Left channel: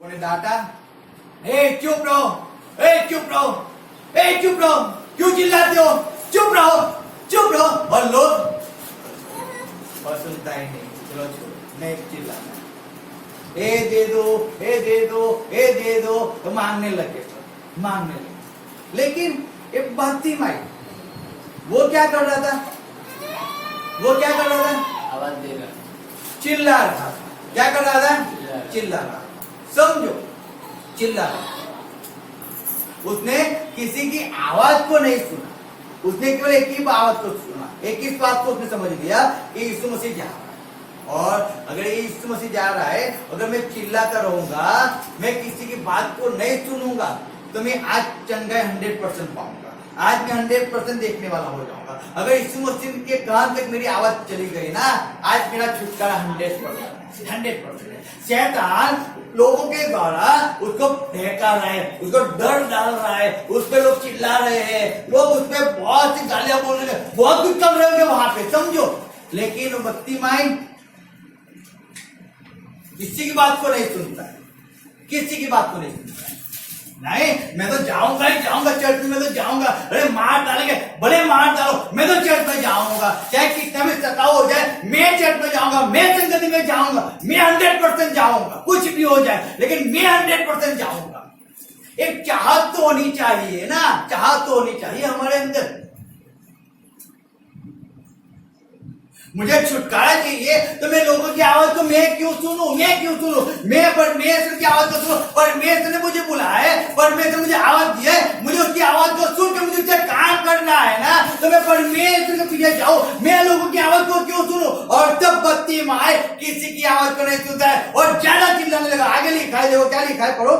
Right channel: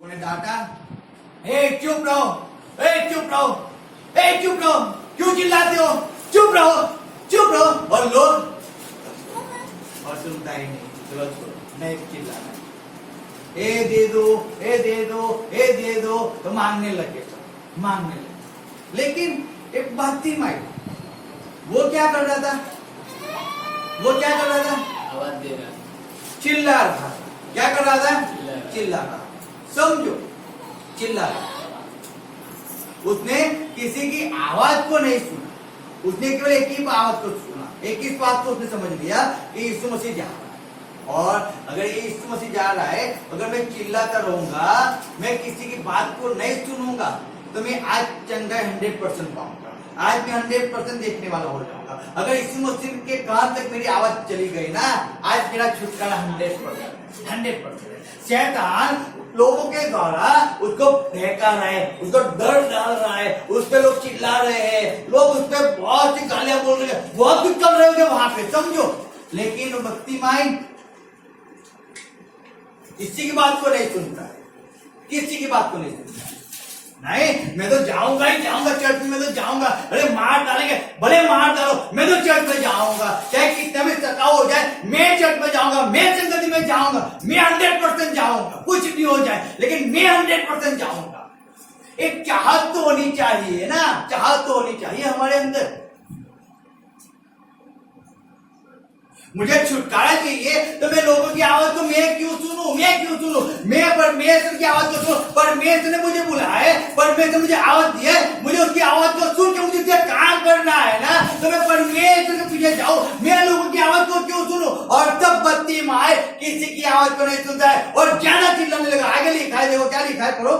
उन्हें डांटा, ए चुप रहो, ए चुप रहो, ए चुप रहो, क्यों चिल्लाते हो, चुप रहो, चुप रहो। और लोग और सुनता ही नहीं, चलो छोड़ो, नहीं चिल्लाना, ए दे दो, ए दे दो, ए दे दो, तो मांगने लगे, मांगने लगे। लेकिन एक बहती माई, वो क्या कर रहा था, वो क्या कर रहा था, आवाज दे रहा, चिल्ला रहा था। क्या कर रहा था, चिल्ला रहा। समझो, चिल्ला रहा। उसने किसी की आवाज को नहीं सुना, उसने केवल एक ही आवाज को सुना, एक ही बात को उसने समझ लिया कि यीशु मसीह जा रहा है। और अगर यीशु मसीह जा रहा है, अगर मैं चिल्लाता रहूंगा, मैं किसी की बात को नहीं सुनूंगा, तो मैं आज चंगाई 100% पाऊंगा, आज मैं 100% देखने वाला हो जाऊंगा। अगर यीशु मसीह के कान तक मेरी आवाज चली गई ना, आज मेरा छुटकारा 100%। शैतान लोगों के द्वारा उसको फेंका रहा है, उसको डर डाल रहा है, उस पे लोग चिल्ला रहे हैं, लोग उस पे बहुत सी गालियां बोल रहे हैं, बहुत कुछ कर रहे होंगे वहां पे, समझो। लेकिन वो भक्ति माइंड किसी की बात को नहीं सुनता है, किसी की बात को नहीं सुनता है। नहीं, मैं तो जाऊंगा ही जाऊंगा, चर्च में तो जाऊंगा, अरे मार डालेंगे, भले मार डालो, मैं तो चर्च में जाऊंगा, चाहे कितना भी सताव हो जाए, मैं चर्च में जाऊंगा, मैं संगति में जाऊंगा, मैं 100% जाऊंगा, कुछ भी हो जाए, लेकिन मैं 100% जाऊंगा। एक चाहत तो होनी चाहिए ना, चाहत तो होनी चाहिए हमारे अंदर। मुझे छुटकारा चाहिए, तो मैं लोगों की आवाज को मैं क्यों सुनूं, मैं परमेश्वर की आवाज को सुनूं। परमेश्वर ने मुझे बुलाया है, परमेश्वर ने मुझे आवाज दी है, मुझे उसकी आवाज को सुन के मुझे उससे काम करना है ना, तो मैं परमेश्वर के पीछे जाऊं, मैं लोगों की आवाज को क्यों सुनूं। और तब बत्ती माए किसी की आवाज को नहीं सुनता है और ज्यादा चिल्लाने लगा। आगे लिखा है, देखो क्या लिखा है, पढ़ो।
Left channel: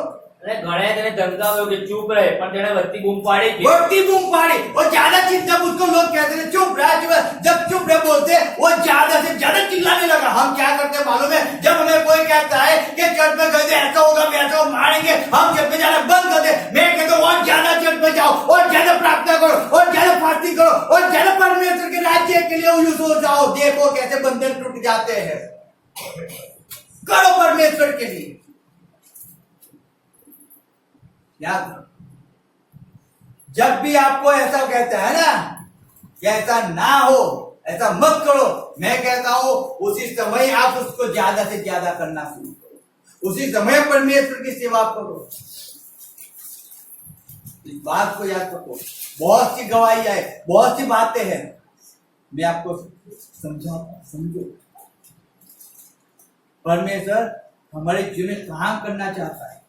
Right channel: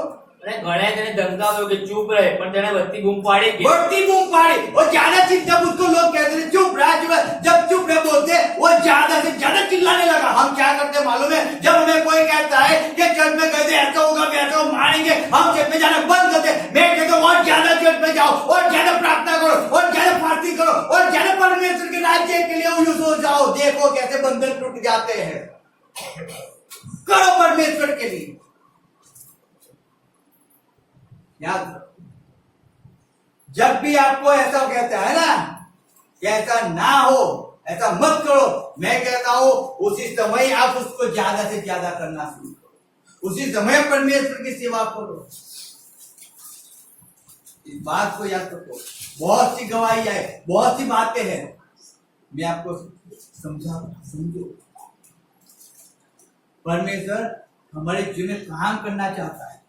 घणे તેને ધમકાવ્યો કે ચૂપ રહે, પણ તેણે વધતી બૂમ પાડી કે बढ़ती बूम पाड़ी। और ज्यादा जब उसको लोग कहते थे चुप रहा, जब चुप रह बोलते, वो ज्यादा से ज्यादा चिल्लाने लगा। हम क्या करते मालूम है, जब हमें कोई कहता है कि चर्च में गए ऐसा होगा, वैसा मारेंगे, हम चर्च में जाना बंद कर दे। मैं कहता हूँ और ज्यादा चर्च में जाओ, और ज्यादा प्रार्थना करो, और ज्यादा फास्टिंग करो, और ज्यादा परमेश्वर के राज्य के लिए यूज हो जाओ। देखो कैसे बंधन टूट जाते हैं। करो परमेश्वर के लिए। याद रखो, जब भी आपको ऐसा कहता है ना कि ऐसा ना हो, ऐसा मत करो, मैं कहता हूं उसी समय आप उसको ज्यादा से ज्यादा करना शुरू करो, उसी समय परमेश्वर की सेवा करो। इस बात को याद रखो। बहुत सी गवाही है, बहुत सी बातें हैं, मैं आपको समझो। परमेश्वर हमारे जीवन में काम करना चाहता है,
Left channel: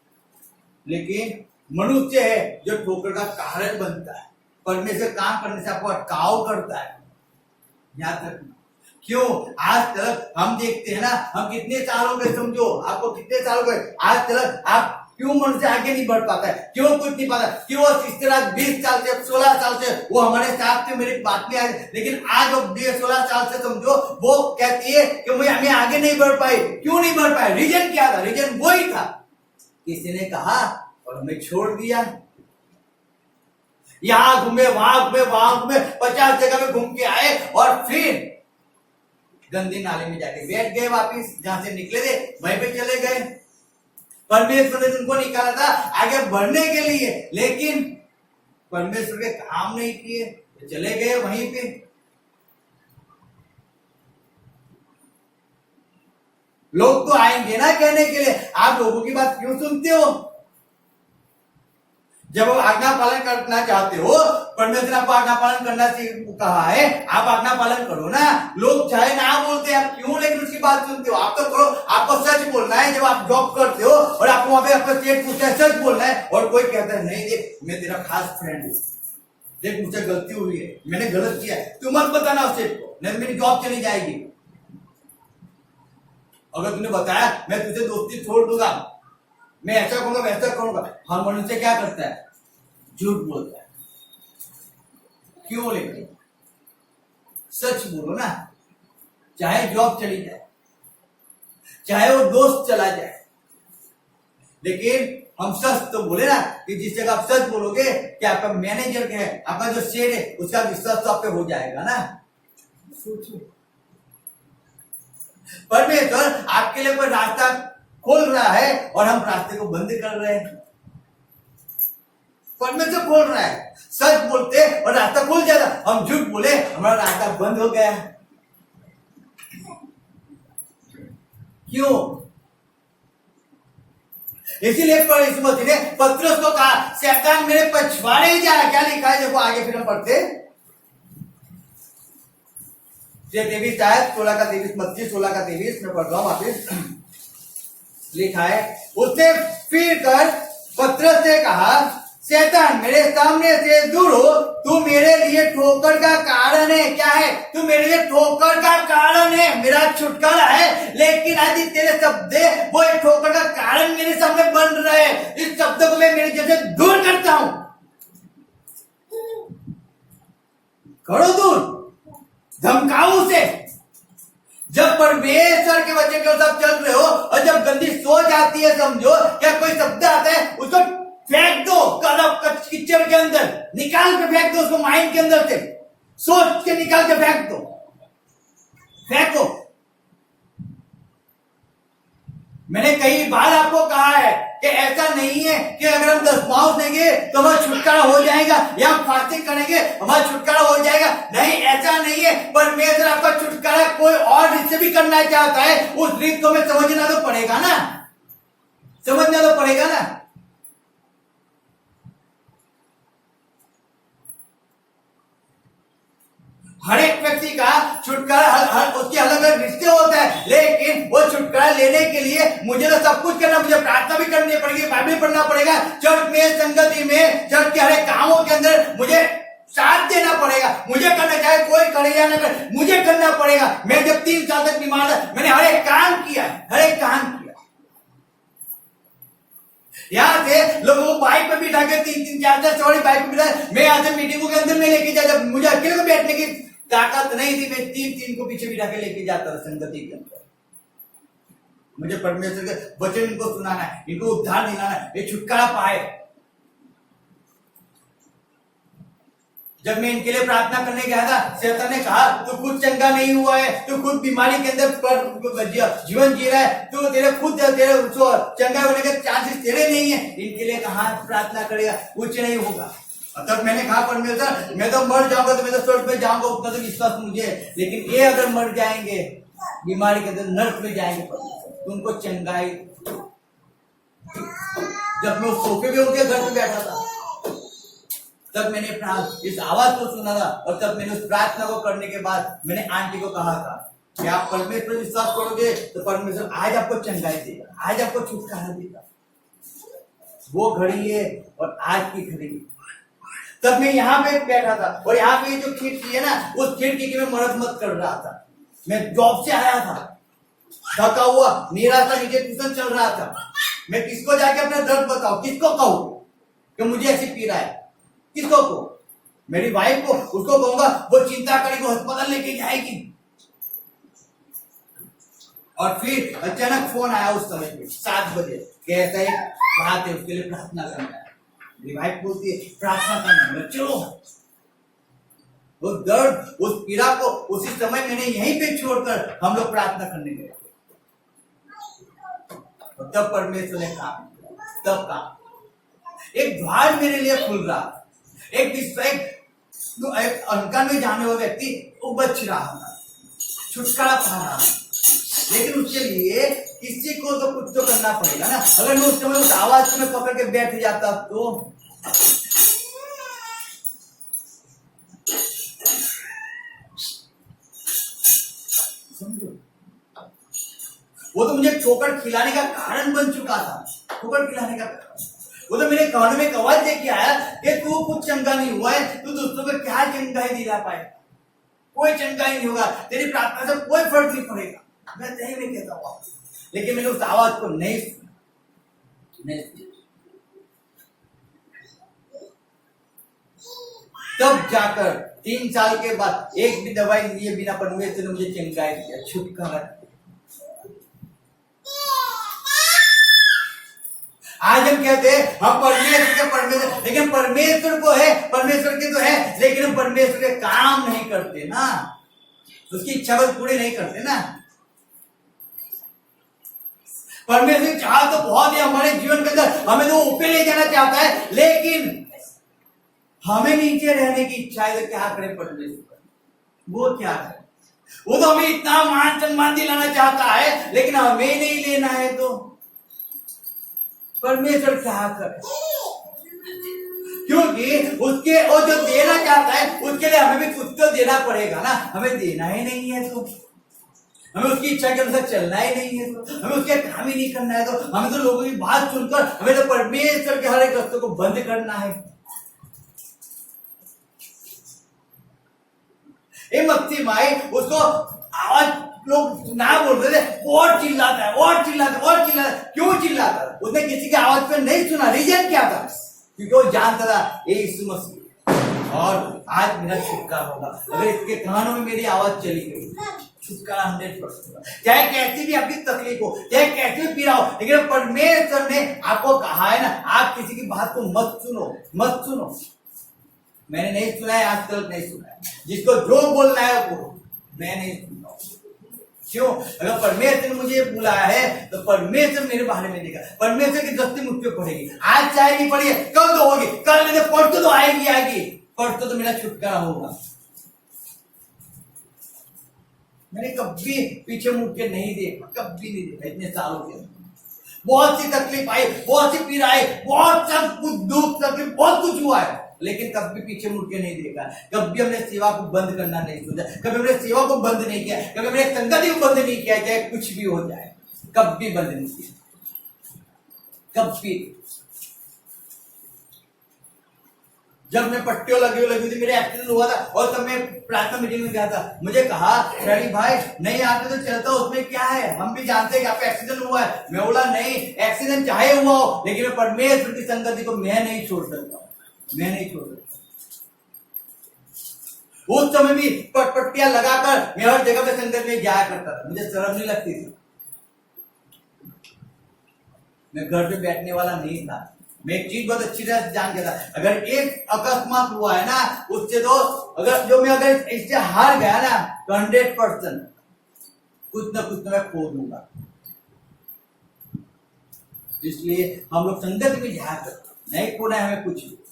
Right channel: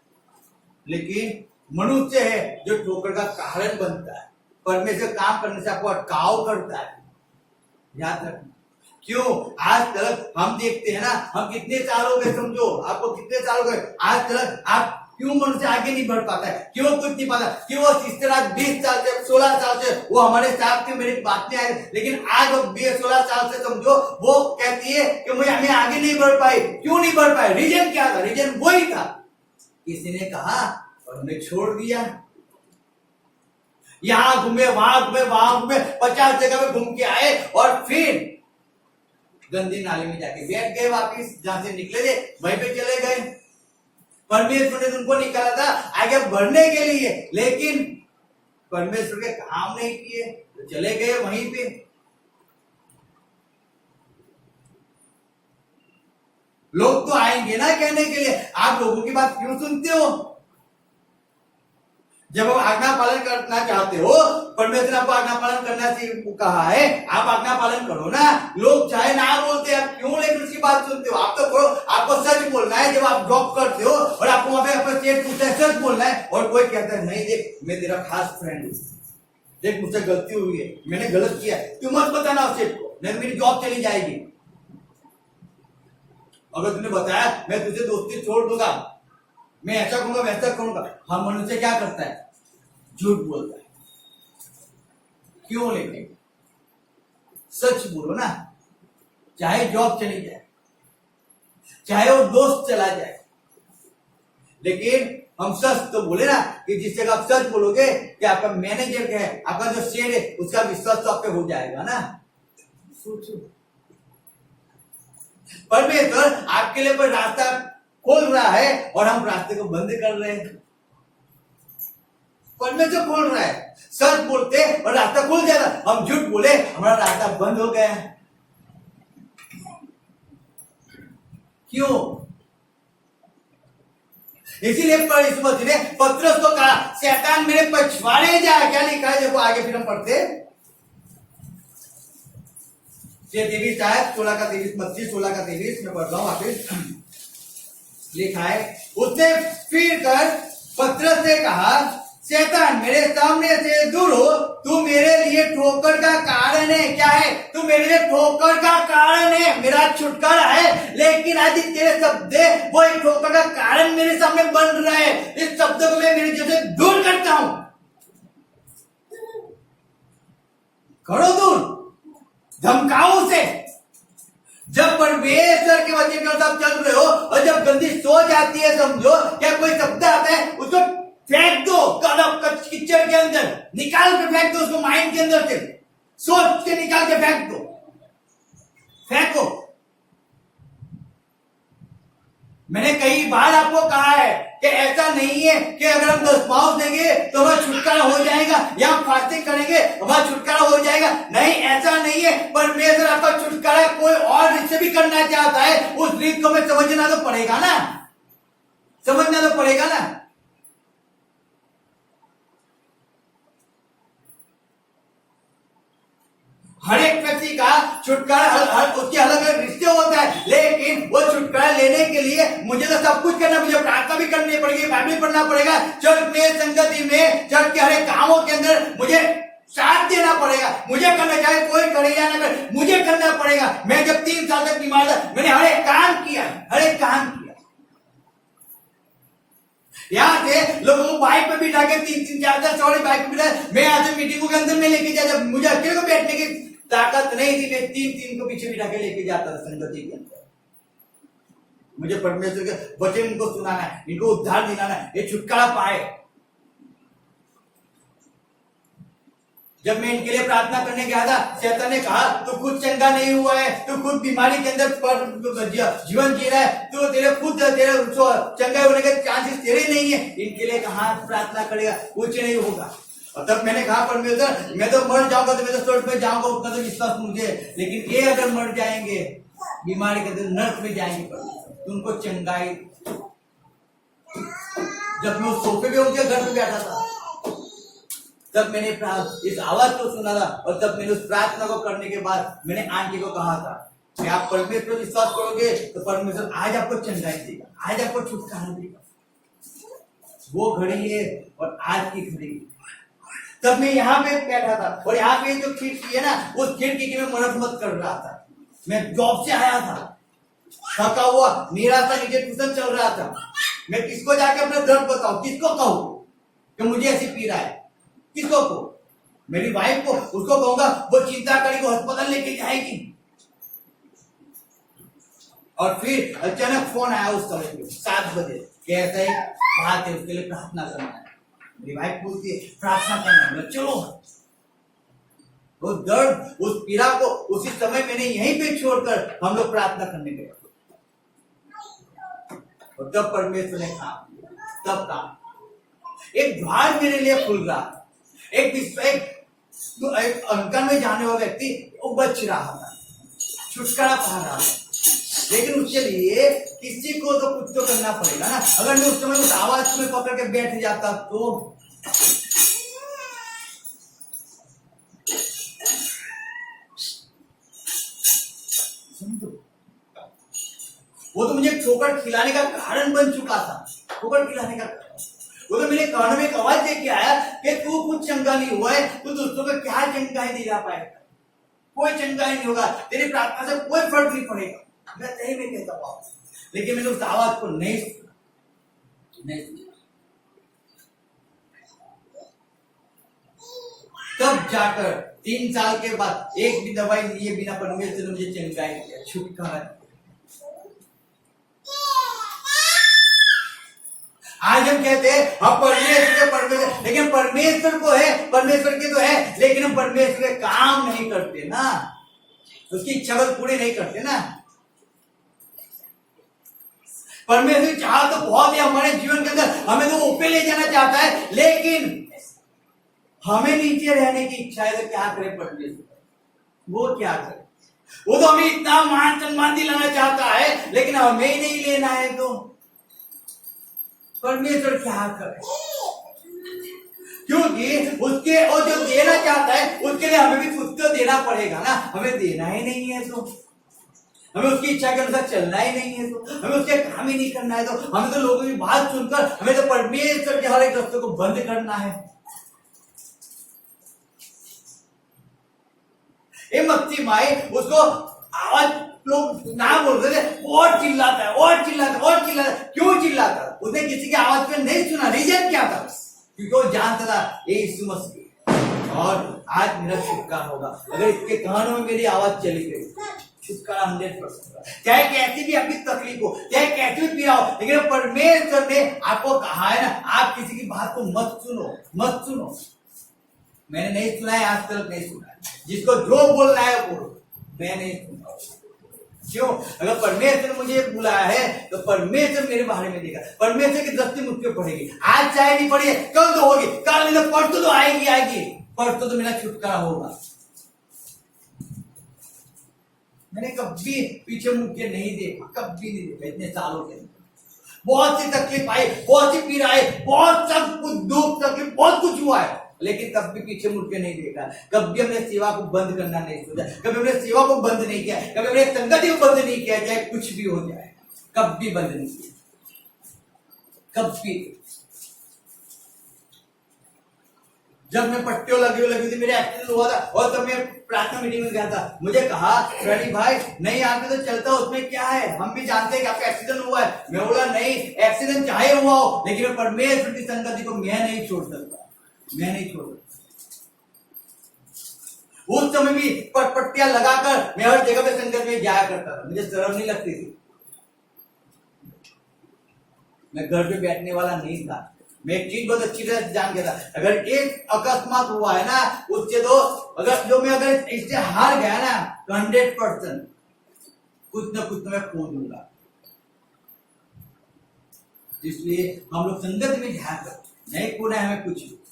लेकिन मनुष्य है जो ठोकर का कारण बनता है। परमेश्वर काम करने से आपको अटकाव करता है, याद रखना। क्यों? आज तक हम देखते हैं ना, हम कितने साल हो गए, समझो आपको कितने साल हो गए, आज तक आप क्यों मनुष्य आगे नहीं बढ़ पाता है, क्यों कुछ नहीं पाता, क्यों इस तरह 20 साल से 16 साल से वो हमारे साथ थे, मेरी बात नहीं आई, लेकिन आज वो 16 साल से समझो वो कहती है कि मैं आगे नहीं बढ़ पाई। क्यों नहीं बढ़ पाए? रीजन क्या था? रीजन वही था, किसी ने कहा और हमें छोड़ दिया। यहां घूमे, वहां घूमे, वहां घूमे, 50 जगह में घूम के आए और फिर गंदी नाले में जाके बैठ गए, वापिस जहां से निकले थे वहीं पे चले गए। परमेश्वर ने उनको निकाला था आगे बढ़ने के लिए, लेकिन परमेश्वर के काम नहीं किए तो चले गए वहीं पे। लोग तो आएंगे ना कहने के लिए, आप लोगों की बात क्यों सुनते हो? जब आप आज्ञा पालन करना चाहते हो, परमेश्वर ने आपको आज्ञा पालन करना कहा है, आप आज्ञा पालन करो ना। लोग चाहे ना बोलते, आप क्यों लेकिन उसकी बात सुनते हो? आप तो करो, आपको सच बोलना है। जब आप जॉब करते हो और आपको वहां पे अपना स्टेट पूछता है, सच बोलना है, और कोई कहता है नहीं देख मैं तेरा खास फ्रेंड हूं, देख मुझसे गलती हुई है, मैंने गलत किया है, तू मत बताना उस स्टेट को, नहीं मेरी जॉब चली जाएगी। अगर तुमने बताया मैं तुझे दोस्ती छोड़ दूंगा, मैं ऐसा करूंगा वैसा करूंगा, हम मनुष्य क्या करता है? झूठ बोलता है। क्यों? लेकिन सच बोलो ना, चाहे जॉब चली जाए, चाहे वो दोस्त चला जाए, लेकिन हम सच तो बोले ना कि जिस जगह आप सच बोलोगे कि आपका मैनेजर है, आपका जो शेर है, उसका विश्वास तो आप पे हो जाएगा ना। सोचो, परमेश्वर आपके लिए कोई रास्ता खोल रहा है और हम रास्ते को बंद कर रहे हैं। परमेश्वर खोल रहा है, सच बोलते और रास्ता खुल जाएगा, हम झूठ बोले हमारा रास्ता बंद हो गया। क्यों? इसीलिए यीशु मसीह ने पतरस को कहा, शैतान मेरे पछवाड़े जाए। क्या लिखा है देखो आगे, फिर हम पढ़ते 16 का 23, मत्ती 16 का 23 मैं पढ़ रहा हूं वापिस। लिखा है, उसने फिर कर पतरस से कहा, शैतान मेरे सामने से दूर हो, तू मेरे लिए ठोकर का कारण है। क्या है? तू मेरे लिए ठोकर का कारण है, मेरा छुटकारा है, लेकिन आज तेरे शब्द वो एक ठोकर का कारण मेरे सामने बन रहे हैं। इस शब्द को मैं मेरे जैसे दूर करता हूं। करो दूर, धमकाओ उसे। जब परमेश्वर के वचन के साथ चल रहे हो और जब गंदी सोच आती है, समझो क्या कोई शब्द आता है, उसको फेंक दो, कीचड़ के अंदर निकाल के फेंक दो, उसको माइंड के अंदर से सोच के निकाल के फेंक दो, फेंको। मैंने कई बार आपको कहा है कि ऐसा नहीं है कि अगर हम 10 पाँव देंगे तो हमारा छुटकारा हो जाएगा, या हम फास्टिंग करेंगे हमारा छुटकारा हो जाएगा। नहीं, ऐसा नहीं है। परमेश्वर आपका छुटकारा कोई और रीत से भी करना चाहता है, उस रीत को हमें समझना तो पड़ेगा ना, समझना तो पड़ेगा ना। हर एक व्यक्ति का छुटकारा हर उसके अलग अलग रिश्ते होता है, लेकिन वो छुटकारा लेने के लिए मुझे तो सब कुछ करना, मुझे प्रार्थना भी करनी पड़ेगी, बाइबल पढ़ना पड़ेगा, चर्च में, संगति में, चर्च के हर एक कामों के अंदर मुझे साथ देना पड़ेगा। मुझे करना, चाहे कोई करे या न करे, मुझे करना पड़ेगा। मैं जब 3 साल तक बीमार था, मैंने हर एक काम किया, हर एक काम किया। यहाँ से लोगों को बाइक पे बिठा के 3-3, 4-4 सवारी बाइक पे बिठा, मैं यहाँ से मीटिंगों के अंदर में लेके जाया, जब मुझे अकेले को बैठने की ताकत नहीं थी, मैं 3-3 को पीछे बिठा के लेके जाता था संगति के अंदर। मुझे परमेश्वर के वचन इनको सुनाना है, इनको उद्धार दिलाना है, ये छुटकारा पाए। जब मैं इनके लिए प्रार्थना करने गया था, शैतान ने कहा तू खुद चंगा नहीं हुआ है, तू खुद बीमारी के अंदर जीवन जी रहा है, तू तेरे खुद तेरे चंगा होने के चांसेस तेरे नहीं है। इनके लिए कहा प्रार्थना करेगा, कुछ नहीं होगा। और तब मैंने कहा परमेश्वर मैं तो मर जाऊंगा, तो मैं तो स्वर्ग में जाऊंगा, उतना तो विश्वास मुझे, लेकिन ये अगर मर जाएंगे बीमारी के अंदर नर्क में जाएंगे परमेश्वर, तो उनको चंगाई। जब मैं उस सोफे पे उनके घर पे बैठा था, तब मैंने इस आवाज को सुना था, और तब मैंने उस प्रार्थना को करने के बाद मैंने आंटी को कहा था कि आप परमेश्वर विश्वास करोगे तो परमेश्वर आज आपको चंगाई देगा, आज आपको छुटकारा देगा। वो घड़ी है और आज की घड़ी। तब मैं यहाँ पे बैठा था, और यहाँ पे जो खिड़की है ना, उस खिड़की की मैं मरम्मत कर रहा था। मैं जॉब से आया था, थका हुआ, निराशा, नीचे ट्यूशन चल रहा था। मैं किसको जाके अपना दर्द बताऊं, किसको कहूं कि मुझे ऐसी पीड़ा है, किसको को? मेरी वाइफ को, उसको कहूंगा वो चिंता करेगी, अस्पताल लेके जाएगी। और फिर अचानक फोन आया उस समय पे 7 बजे, कैसे बात है, उसके लिए प्रार्थना करना है। मेरी वाइफ बोलती है प्रार्थना करना है, चलो। वो दर्द, उस पीड़ा को उसी समय मैंने यहीं पे छोड़कर हम लोग प्रार्थना करने गए, और तब परमेश्वर ने काम, तब काम एक द्वार मेरे लिए खुल रहा। एक अंकन में जाने वाला व्यक्ति वो बच रहा था, छुटकारा पा रहा था, लेकिन उसके लिए किसी को तो कुछ तो करना पड़ेगा ना। अगर मैं उस समय उस आवाज में पकड़ के बैठ जाता तो समझो, वो तो मुझे ठोकर खिलाने का कारण बन चुका था, ठोकर खिलाने का कारण। वो तो मेरे कान में एक आवाज लेके आया कि तू कुछ चंगा नहीं हुआ है, तू दोस्तों को क्या चंगाई दिला पाएगा, कोई चंगाई नहीं होगा, तेरी प्रार्थना से कोई फर्क नहीं पड़ेगा। मैं सही में कहता हूँ, लेकिन मैंने उस आवाज को नहीं सुना, नहीं सुना। तब जाकर 3 साल के बाद एक भी दवाई लिए बिना परमेश्वर ने मुझे चंगाई दिया, छुटकारा दिया। आज हम कहते हैं हम परमेश्वर, लेकिन परमेश्वर को है, परमेश्वर के तो है, लेकिन हम परमेश्वर के काम नहीं करते ना, उसकी इच्छा को पूरे नहीं करते ना। परमेश्वर चाह तो बहुत है हमारे जीवन के अंदर, हमें तो ऊपर ले जाना चाहता है, लेकिन हमें नीचे रहने की इच्छा है। तो क्या करे परमेश्वर? वो क्या करे? वो तो हमें इतना मान सम्मान दिलाना चाहता है, लेकिन हमें नहीं लेना है। तो परमेश्वर क्या करे? क्योंकि उसके वो जो देना चाहता है उसके लिए हमें भी कुछ तो देना पड़ेगा ना। हमें देना ही नहीं है तो हमें उसकी इच्छा के अनुसार चलना ही नहीं है, तो हमें उसके काम ही नहीं करना है, तो हमें तो लोगों की बात सुनकर हमें तो परमेश्वर के हर एक रस्तों को बंद करना है। ये मत्ती माई उसको आवाज लोग ना बोल रहे थे, और चिल्लाता है और चिल्लाता है और चिल्लाता है। क्यों चिल्लाता है? उसने किसी की आवाज पे नहीं सुना। रीजन क्या था? क्योंकि वो जानता था ये यीशु मसीह और आज मेरा छुटकारा होगा। अगर इसके कानों में मेरी आवाज चली गई, छुटकारा 100% होगा। चाहे कैसी भी आपकी तकलीफ हो, चाहे कैसी भी पीड़ा हो, लेकिन परमेश्वर ने आपको कहा है ना, आप किसी की बात को मत सुनो, मत सुनो। मैंने नहीं सुना है, आज तक नहीं सुना है। जिसको जो बोलना है वो, मैं नहीं सुनता हूं। क्यों? अगर परमेश्वर ने मुझे बुलाया है तो परमेश्वर मेरे बारे में देगा, परमेश्वर की दृष्टि मुझ पे पड़ेगी। आज चाहे नहीं पड़ी है, कल तो होगी, कल नहीं तो परसों तो आएगी आएगी, परसों तो मेरा छुटकारा होगा। मैंने कभी पीछे मुड़ के नहीं देखा, कभी नहीं देखा इतने सालों के। बहुत सी तकलीफ आई, बहुत सी पीड़ा आई, बहुत सब कुछ दुख तकलीफ बहुत कुछ हुआ है, लेकिन कभी पीछे मुड़ के नहीं देखा। कभी हमने सेवा को बंद करना नहीं सोचा, कभी हमने सेवा को बंद नहीं किया, कभी हमने संगति को बंद नहीं किया, चाहे कुछ भी हो जाए, कभी बंद नहीं किया, कभी। जब मैं पट्टियों लगी थी, मेरे एक्सीडेंट हुआ था, और तब मैं प्रार्थना मीटिंग में गया था, मुझे कहा रवि भाई नहीं आते तो चलता, उसमें क्या है, हम भी जानते हैं कि आपका एक्सीडेंट हुआ है। मैं बोला नहीं, एक्सीडेंट चाहे हुआ हो, लेकिन मैं परमेश्वर की संगति को मैं नहीं छोड़ सकता, मैं नहीं छोड़ सकता। उस समय भी पट्टियां लगाकर मैं हर जगह पे संगत में जाया करता था, मुझे शर्म नहीं लगती थी। मैं घर पे बैठने वाला नहीं था। मैं एक चीज बहुत अच्छी तरह जान गया था, अगर एक अकस्मात हुआ है ना, उससे तो अगर इससे हार गया ना तो 100% कुछ ना कुछ तो मैं खो दूंगा। इसलिए हम लोग संगत में जाया करते, नहीं खोना है हमें,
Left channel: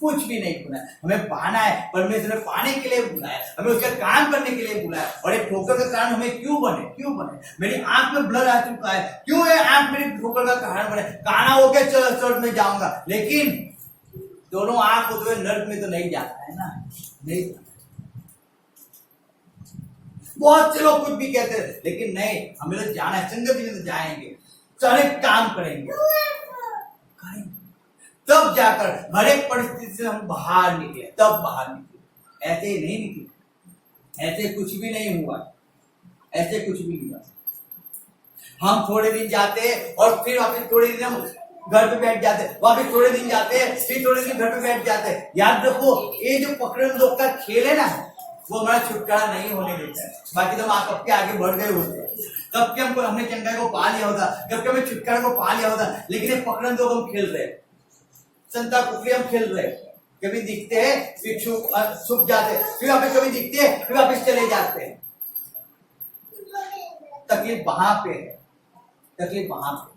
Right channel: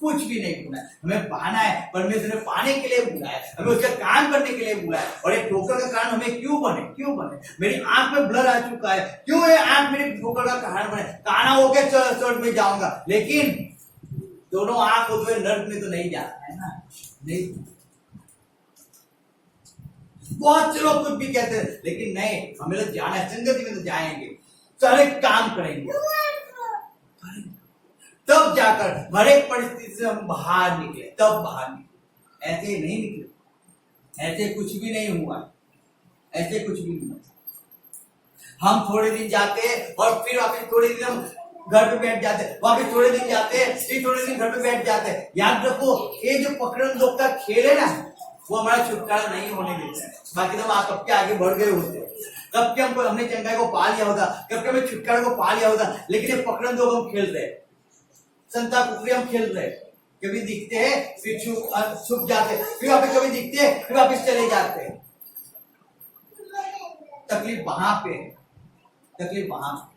कुछ भी नहीं खोना है, हमें पाना है। परमेश्वर ने पाने के लिए बुलाया, हमें उसका काम करने के लिए बुलाया। और ये ठोकर का कारण हमें क्यों बने? मेरी आंख में ब्लर आ चुका है, क्यों ये आंख मेरी ठोकर का कारण बने? काना होके चर्च में जाऊंगा, लेकिन दोनों आंख होते हुए नर्क में तो नहीं जाता है ना, नहीं। बहुत से लोग कुछ भी कहते हैं, लेकिन नहीं, हमें तो जाना है, संगति में तो जाएंगे, सारे काम करेंगे, तब जाकर हर एक परिस्थिति से हम बाहर निकले, तब बाहर निकले। ऐसे ही नहीं निकले, ऐसे कुछ भी नहीं हुआ, ऐसे कुछ भी नहीं हुआ। हम थोड़े दिन जाते और फिर वापस थोड़े दिन हम घर पे बैठ जाते, वापस थोड़े दिन जाते, फिर थोड़े दिन घर पे बैठ जाते। याद रखो, ये जो पकड़न लोग का खेल है ना, वो हमारा छुटकारा नहीं होने देता है। बाकी तो हम कब के आगे बढ़ गए होते, कब के हमने चंगा को पा लिया होता, कब के हमें छुटकारा को पा लिया होता, लेकिन ये पकड़न लोग हम खेल रहे, संता कुकड़ी हम खेल रहे। कभी दिखते हैं फिर छुप जाते, फिर वापस कभी दिखते हैं फिर वापस चले जाते हैं। तकलीफ वहां पे है, तकलीफ वहां पे।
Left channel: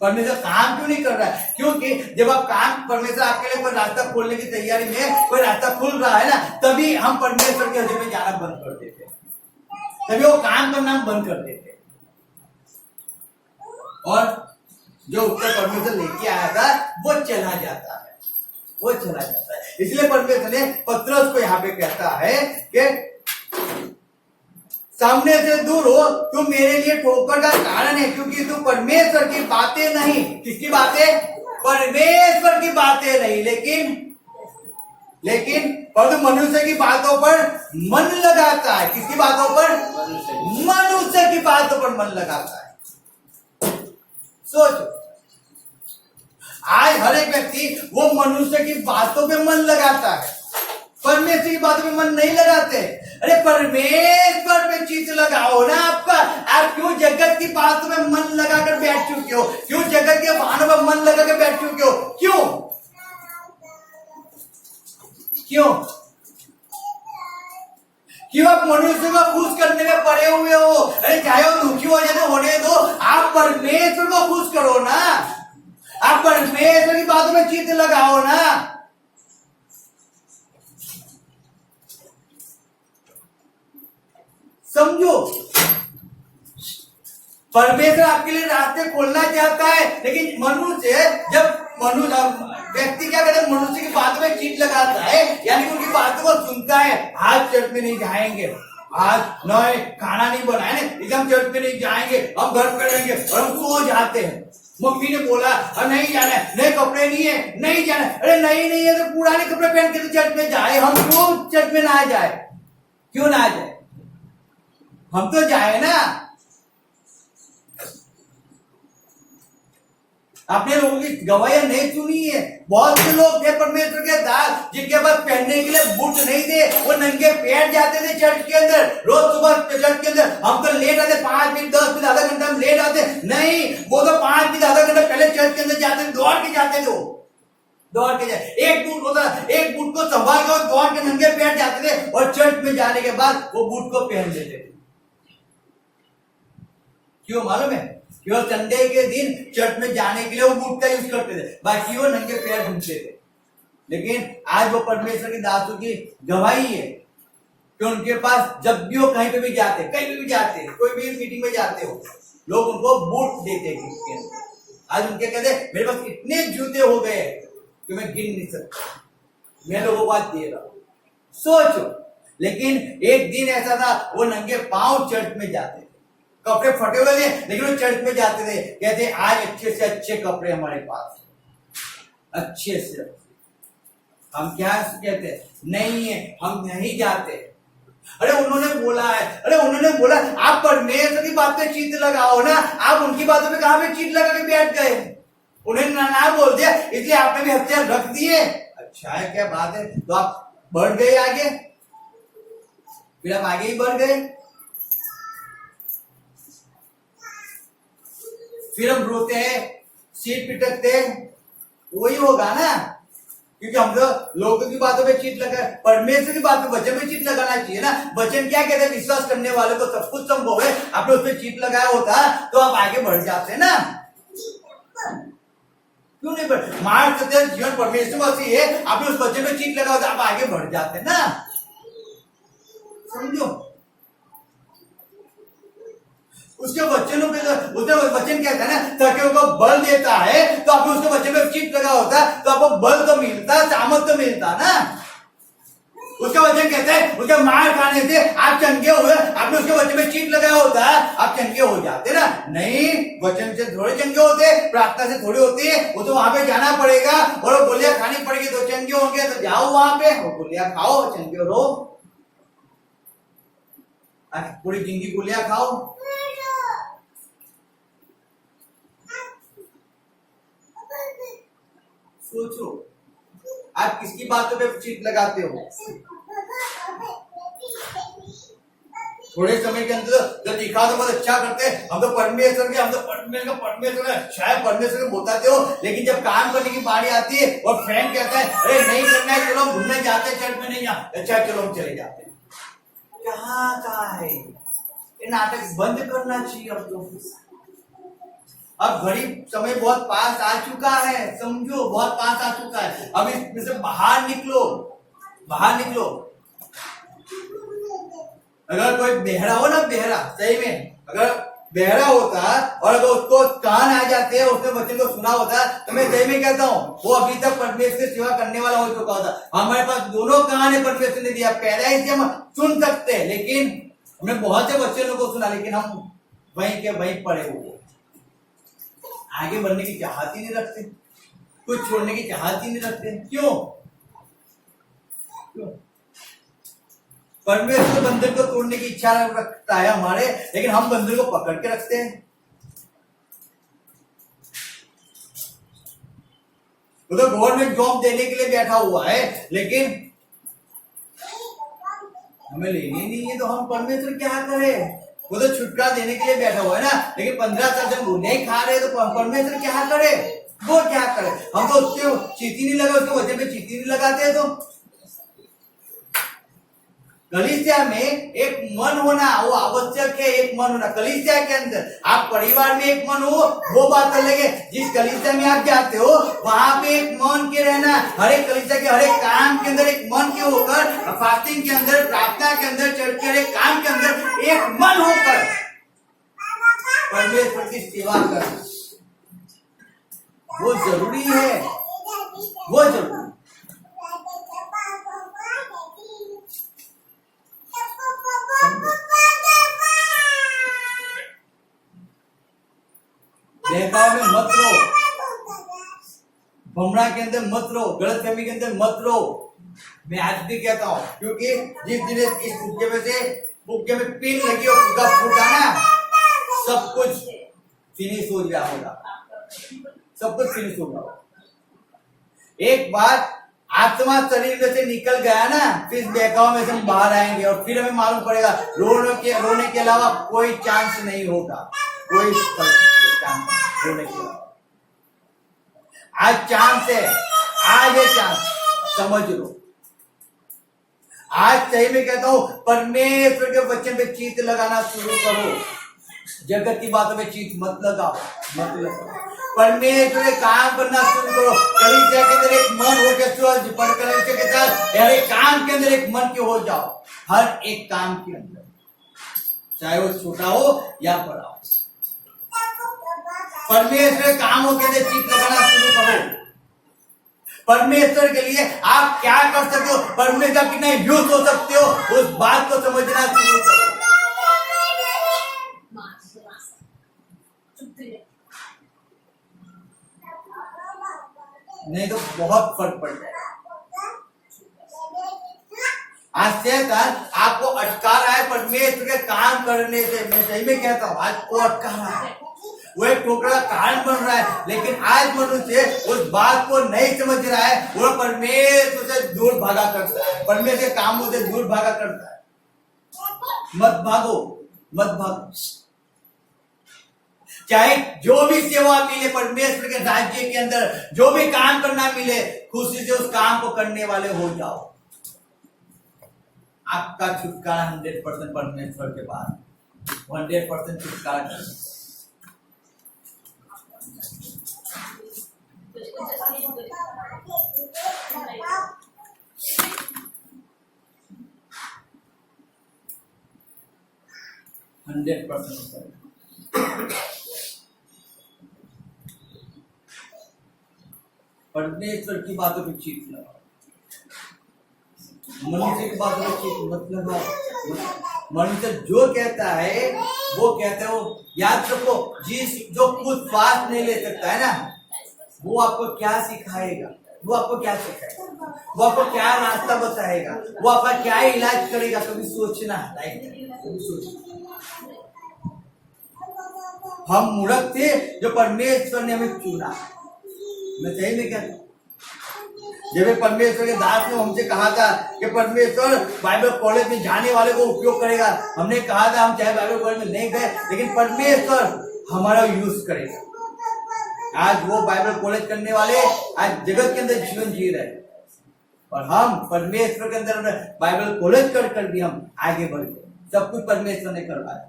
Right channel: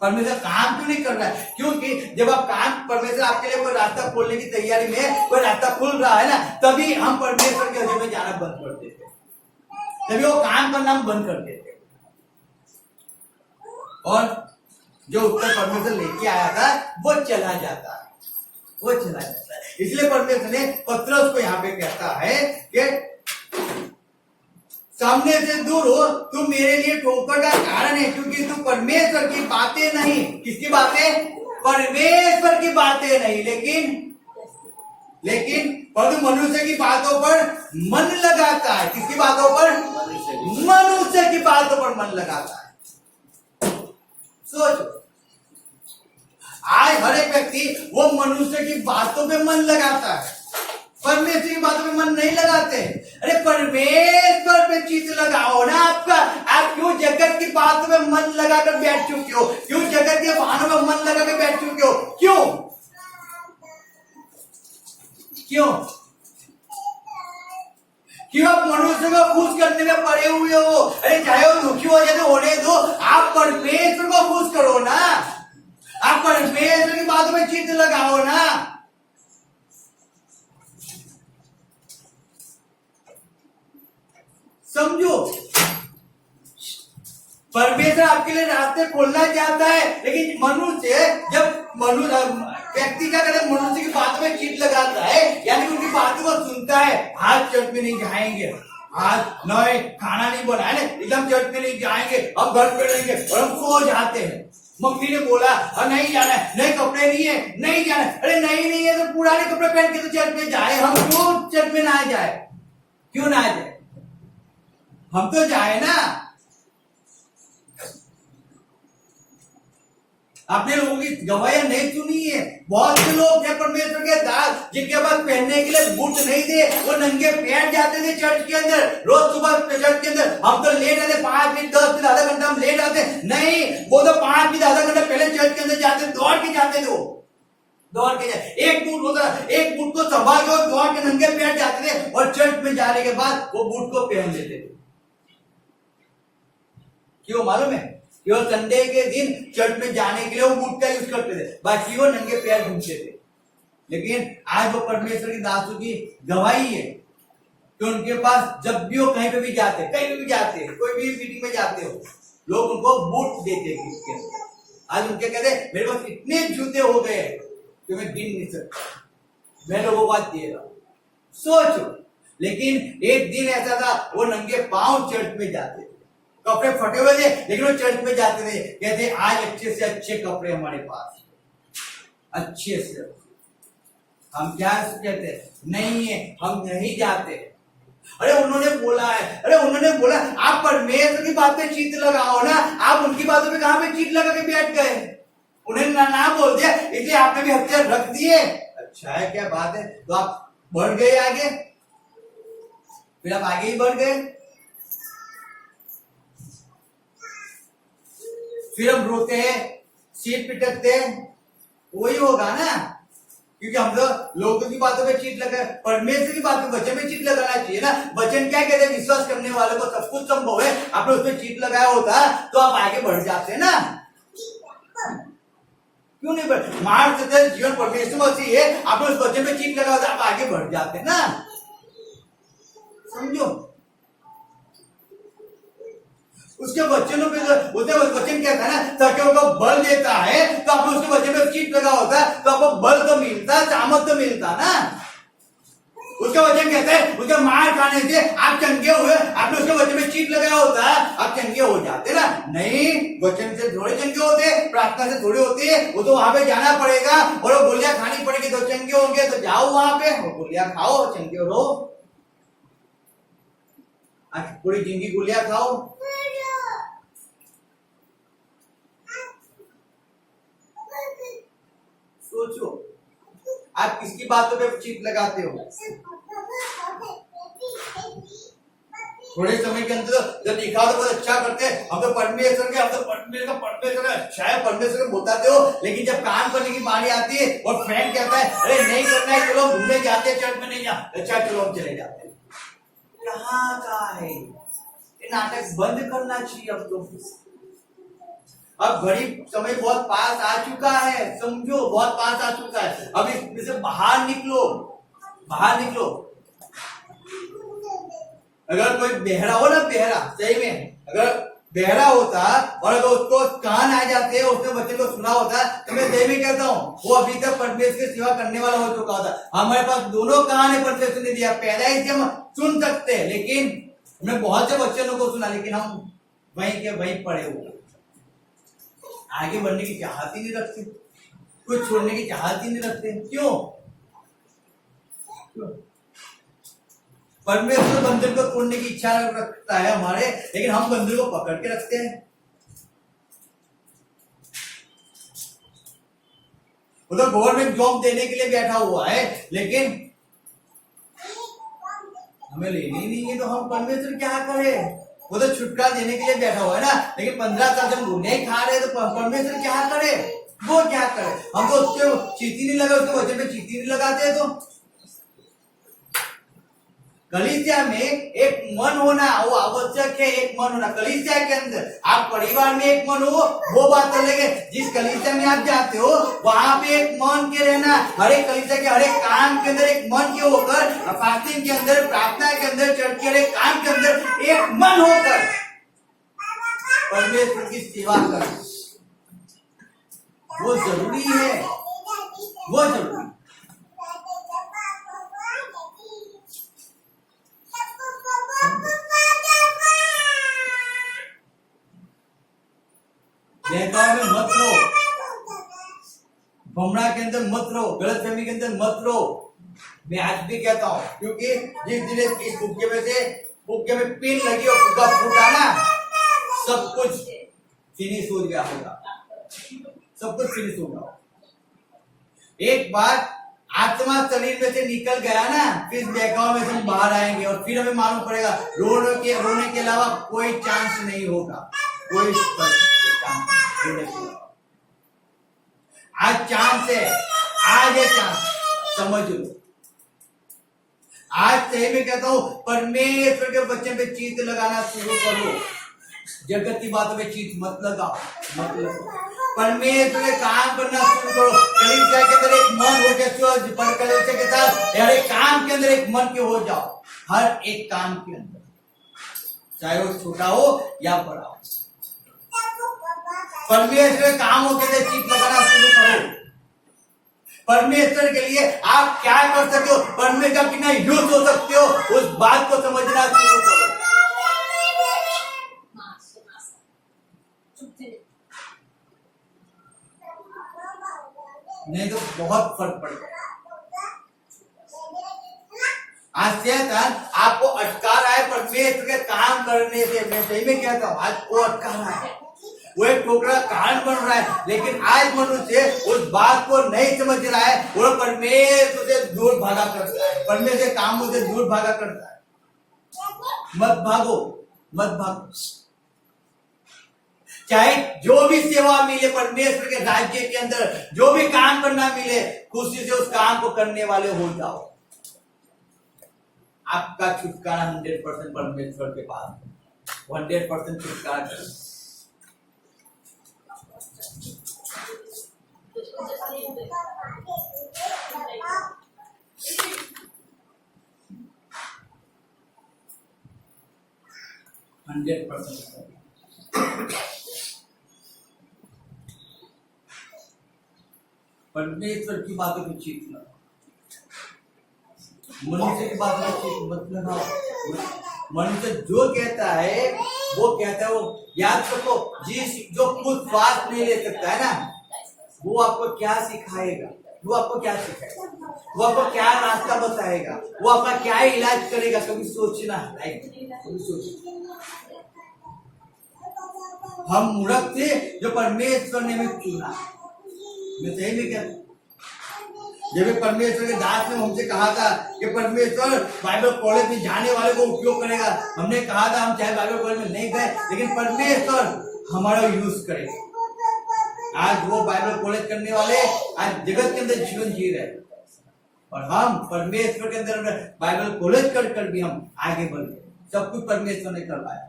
परमेश्वर काम क्यों नहीं कर रहा है? क्योंकि जब आप काम, परमेश्वर आपके लिए कोई रास्ता खोलने की तैयारी में कोई रास्ता खुल रहा है ना, तभी हम परमेश्वर के हजूर में जाना बंद कर देते, तभी वो काम करना हम बंद कर देते। और जो उत्तर परमेश्वर लेके आया था वो चला जाता है, वो चला जाता है। इसलिए परमेश्वर ने पतरस को यहाँ पे कहता है कि सामने से दूर हो, तुम मेरे लिए ठोकर का कारण है, क्योंकि तुम परमेश्वर की बातें नहीं, किसकी बातें? परमेश्वर की बातें नहीं, लेकिन परंतु मनुष्य की बातों पर मन लगाता है। किसकी बातों पर? मनुष्य की बातों पर मन लगाता है। सोचो, आज हर एक व्यक्ति वो मनुष्य की बातों पे मन लगाता है, परमेश्वर की बातों पे मन नहीं लगाते। अरे परमेश्वर पे चित्त लगाओ ना आपका। आप क्यों जगत की बातों में मन लगाकर बैठ चुके हो? क्यों जगत के वाहनों में मन लगाकर बैठ चुके हो? क्यों? क्यों आप मनुष्य को खुश करने में पड़े हुए हो? अरे चाहे वो दुखी हो जाए होने दो, आप परमेश्वर को खुश करो ना, आप परमेश्वर की बातों में चित्त लगाओ ना। समझो, परमेश्वर आपके लिए रास्ते खोलना चाहता है, लेकिन मनुष्य जब व्यक्ति क्या करता है, मनुष्य की बातों में चित्त लगाता है, यानी कि उनकी बातों को सुनता है। आज चर्च में नहीं जाएंगे, आज नए खाना नहीं बनाए, एकदम चर्च में नहीं जाएंगे, हम घर पे रहेंगे, और हम सो जाते हैं। मम्मी ने बोला नहीं जाना है, नए कपड़े नहीं है, नहीं जाना है। अरे नहीं है तो पुराने कपड़े पहन के तो चर्च में जाए, हम क्यों चर्च में ना जाए? क्यों ना जाए? हम तो जाए ना। आपने लोगों की गवाहियां नहीं सुनी है? बहुत से लोग थे परमेश्वर के दास जिनके पास पहनने के लिए बूट नहीं थे, वो नंगे पैर जाते थे चर्च के अंदर, रोज सुबह चर्च के अंदर। हम तो लेट आते, 5 मिनट 10 मिनट आधा घंटा हम लेट आते। नहीं, वो तो 5 मिनट आधा घंटा पहले चर्च के अंदर जाते, दौड़ के जाते थे, दौड़ के जाते। एक बूट होता, एक बूट को संभाल के दौड़ के नंगे पैर जाते थे, और चर्च में जाने के बाद वो बूट को पहन लेते थे। क्यों मालूम है? केवल संडे के दिन चर्च में जाने के लिए वो बूट का यूज करते थे, बाकी वो नंगे पैर घूमते थे। लेकिन आज वो परमेश्वर के दासों की गवाही है कि उनके पास जब भी वो कहीं पे भी जाते, कहीं भी जाते, कोई भी मीटिंग में जाते हो, लोग उनको बूट देते हैं। आज उनके कहते मेरे पास इतने जूते हो गए कि मैं गिन नहीं सकता, मैं लोगों को बात दे रहा हूं। सोचो, लेकिन एक दिन ऐसा था, वो नंगे पांव चर्च में जाते, कपड़े फटे हुए थे, लेकिन वो चर्च में जाते थे। कहते आज अच्छे से अच्छे कपड़े हमारे पास, अच्छे से। हम क्या कहते हैं? नहीं है, हम नहीं जाते। अरे उन्होंने बोला है, अरे उन्होंने बोला, आप परमेश्वर की बात पे चित्त लगाओ ना, आप उनकी बातों पे कहां पे चित्त लगा के बैठ गए? उन्हें ना बोल दिया, इसलिए आपने भी हथियार रख दिए। अच्छा है, क्या बात है? तो आप बढ़ गए आगे, फिर आप आगे ही बढ़ गए, फिर हम रोते हैं, सिर पिटकते हैं, वही होगा ना। क्योंकि हम लोगों की बातों पे चित्त लगा, परमेश्वर की बातों वचन में चित्त लगाना चाहिए ना। वचन क्या कहते हैं? विश्वास करने वालों को सब कुछ संभव है। आपने उसमें चित्त लगाया होता तो आप आगे बढ़ जाते ना। क्यों नहीं बढ़? मार्ग सत्य जीवन परमेश्वर मसीह है, आपने उस वचन में चित्त लगा होता, आप आगे बढ़ जाते ना। समझो, उसके वचनों पे, उसने वचन क्या था ना, ताकि उनको बल देता है, तो आपने उसके वचन में चित्त लगा होता तो आपको बल तो मिलता, सामर्थ तो मिलता ना। उसका वचन कहता है, उसके मार खाने से आप चंगे हुए, आपने उसके वचन में चित्त लगाया होता, आप चंगे हो जाते ना। नहीं, वचन से थोड़े चंगे होते, प्रार्थना से थोड़े होते, वो तो वहां पे जाना पड़ेगा, और वो गोलियां खानी पड़ेगी तो चंगे होंगे। तो जाओ वहां पे, वो गोलियां खाओ, चंगे रहो, पूरी जिंदगी गोलियां खाओ। सोचो, आप किसकी बातों पे चित्त लगाते हो? थोड़े समय के अंदर जब दिखा तो बहुत अच्छा करते हैं, हम तो परमेश्वर के, हम तो परमेश्वर है, शायद परमेश्वर को बताते हो, लेकिन जब काम करने की बारी आती है और फ्रेंड कहता है अरे नहीं करना है, चलो हम घूमने जाते हैं, चर्च में नहीं जाते, अच्छा चलो हम चले जाते हैं। कहाँ का है ये नाटक? बंद करना चाहिए अब तो। अब घड़ी समय बहुत पास आ चुका है, समझो, बहुत पास आ चुका है। अब इसमें बाहर निकलो, बाहर निकलो। अगर कोई बहरा हो ना, बहरा सही में, अगर बहरा होता और अगर उसको कान आ जाते, उसने बच्चे को सुना होता, तो मैं सही में कहता हूँ वो अभी तक परमेश्वर की सेवा करने वाला हो चुका होता। हमारे पास दोनों कान है, परमेश्वर ने दिया, पहला ही हम सुन सकते हैं, लेकिन हमने बहुत से बच्चों को सुना, लेकिन हम वहीं के वहीं पड़े हुए, आगे बढ़ने की चाहत ही नहीं रखते, कुछ छोड़ने की चाहत ही नहीं रखते। क्यों? परमेश्वर बंधन को तोड़ने की इच्छा रखता है हमारे, लेकिन हम बंधन को पकड़ के रखते हैं। वो तो गवर्नमेंट जॉब देने के लिए बैठा हुआ है, लेकिन हमें लेनी नहीं है, तो हम परमेश्वर क्या करें? वो तो छुटकारा देने के लिए बैठा हुआ है ना, लेकिन 15 साल जब वो नहीं खा रहे तो परमेश्वर क्या करे? वो क्या करे? हम तो उसके चीटी नहीं लगा, उसके वचन पे चीटी नहीं लगाते। तो कलीसिया में एक मन होना वो आवश्यक है। एक मन होना कलीसिया के अंदर, आप परिवार में एक मन हो वो बात अलग है। जिस कलीसिया में आप जाते हो वहां पे एक मन के रहना, हर एक कलीसिया के हर एक काम के अंदर एक मन के होकर, फास्टिंग के अंदर, प्रार्थना के अंदर, चर्च के हर एक काम के अंदर एक मन होकर परमेश्वर की सेवा करना वो जरूरी है, वो जरूरी। बहकाव में मत रहो, भमरा के अंदर मत रहो, गलतफहमी के अंदर मत रहो। मैं आज भी कहता हूं, क्योंकि जिस दिन इस फुग्गे में पिन लगी और फुग्गा फूटा ना, सब कुछ फिनिश हो गया होगा, सब कुछ फिनिश होगा। एक बार आत्मा शरीर में से निकल गया ना, फिर बहकाव में से हम बाहर आएंगे और फिर हमें मालूम पड़ेगा रोने के अलावा कोई चांस नहीं होगा, कोई चांस रोने के अलावा। आज चांस है, आज है चांस, समझ लो। आज सही में कहता हूं, परमेश्वर के वचन पे चित्त लगाना शुरू करो। जगत की बातों में चित्त मत लगाओ, मत लगाओ। परमेश्वर के काम करना शुरू करो। कलीसिया के अंदर एक मन हो के कलीसिया के साथ हर एक काम के अंदर एक मन के हो जाओ, हर एक काम के अंदर, चाहे वो छोटा हो या बड़ा हो। परमेश्वर के कामों के अंदर चित्त लगाना शुरू करो। परमेश्वर के लिए आप क्या कर सकते हो, परमेश्वर का कितना यूज हो सकते हो, उस बात को समझना शुरू करो। नहीं तो बहुत फर्क पड़ जाएगा। आज शैतान आपको अटका रहा है परमेश्वर के काम करने से। मैं सही में कहता हूँ, आज वो अटका रहा है, वो एक ठोकर का कारण बन रहा है। लेकिन आज मनुष्य उस बात को नहीं समझ रहा है, वो परमेश्वर से दूर भागा करता है, परमेश्वर के कामों से दूर भागा करता है। मत भागो, मत भागो। चाहे जो भी सेवा मिले परमेश्वर के राज्य के अंदर, जो भी काम करना मिले, खुशी से उस काम को करने वाले हो जाओ। आपका छुटकारा 100% परमेश्वर के पास, 100% छुटकारा कर। परमेश्वर की बातों पे चित्त लगाओ, मनुष्य की बातों पे चित्त मत लगाओ। मनुष्य जो कहता है वो कहता है, वो याद रखो, जो खुद श्वास नहीं ले सकता है ना, वो आपको क्या सिखाएगा, वो आपको क्या सिखाएगा, वो आपको क्या रास्ता बताएगा, वो आपका क्या इलाज करेगा। कभी सोचना, कभी सोचना। हम मूर्ख थे जो परमेश्वर ने हमें चुना। मैं सही नहीं कहता। जब परमेश्वर के दास ने हमसे कहा था कि परमेश्वर बाइबल कॉलेज में जाने वाले को उपयोग करेगा, हमने कहा था हम चाहे बाइबल कॉलेज में नहीं गए, लेकिन परमेश्वर हमारा यूज करेगा। आज वो बाइबल कॉलेज करने वाले आज जगत के अंदर जीवन जी रहे, और हम परमेश्वर के अंदर बाइबल कॉलेज कर भी हम आगे बढ़ गए। सब कुछ परमेश्वर ने करवाया,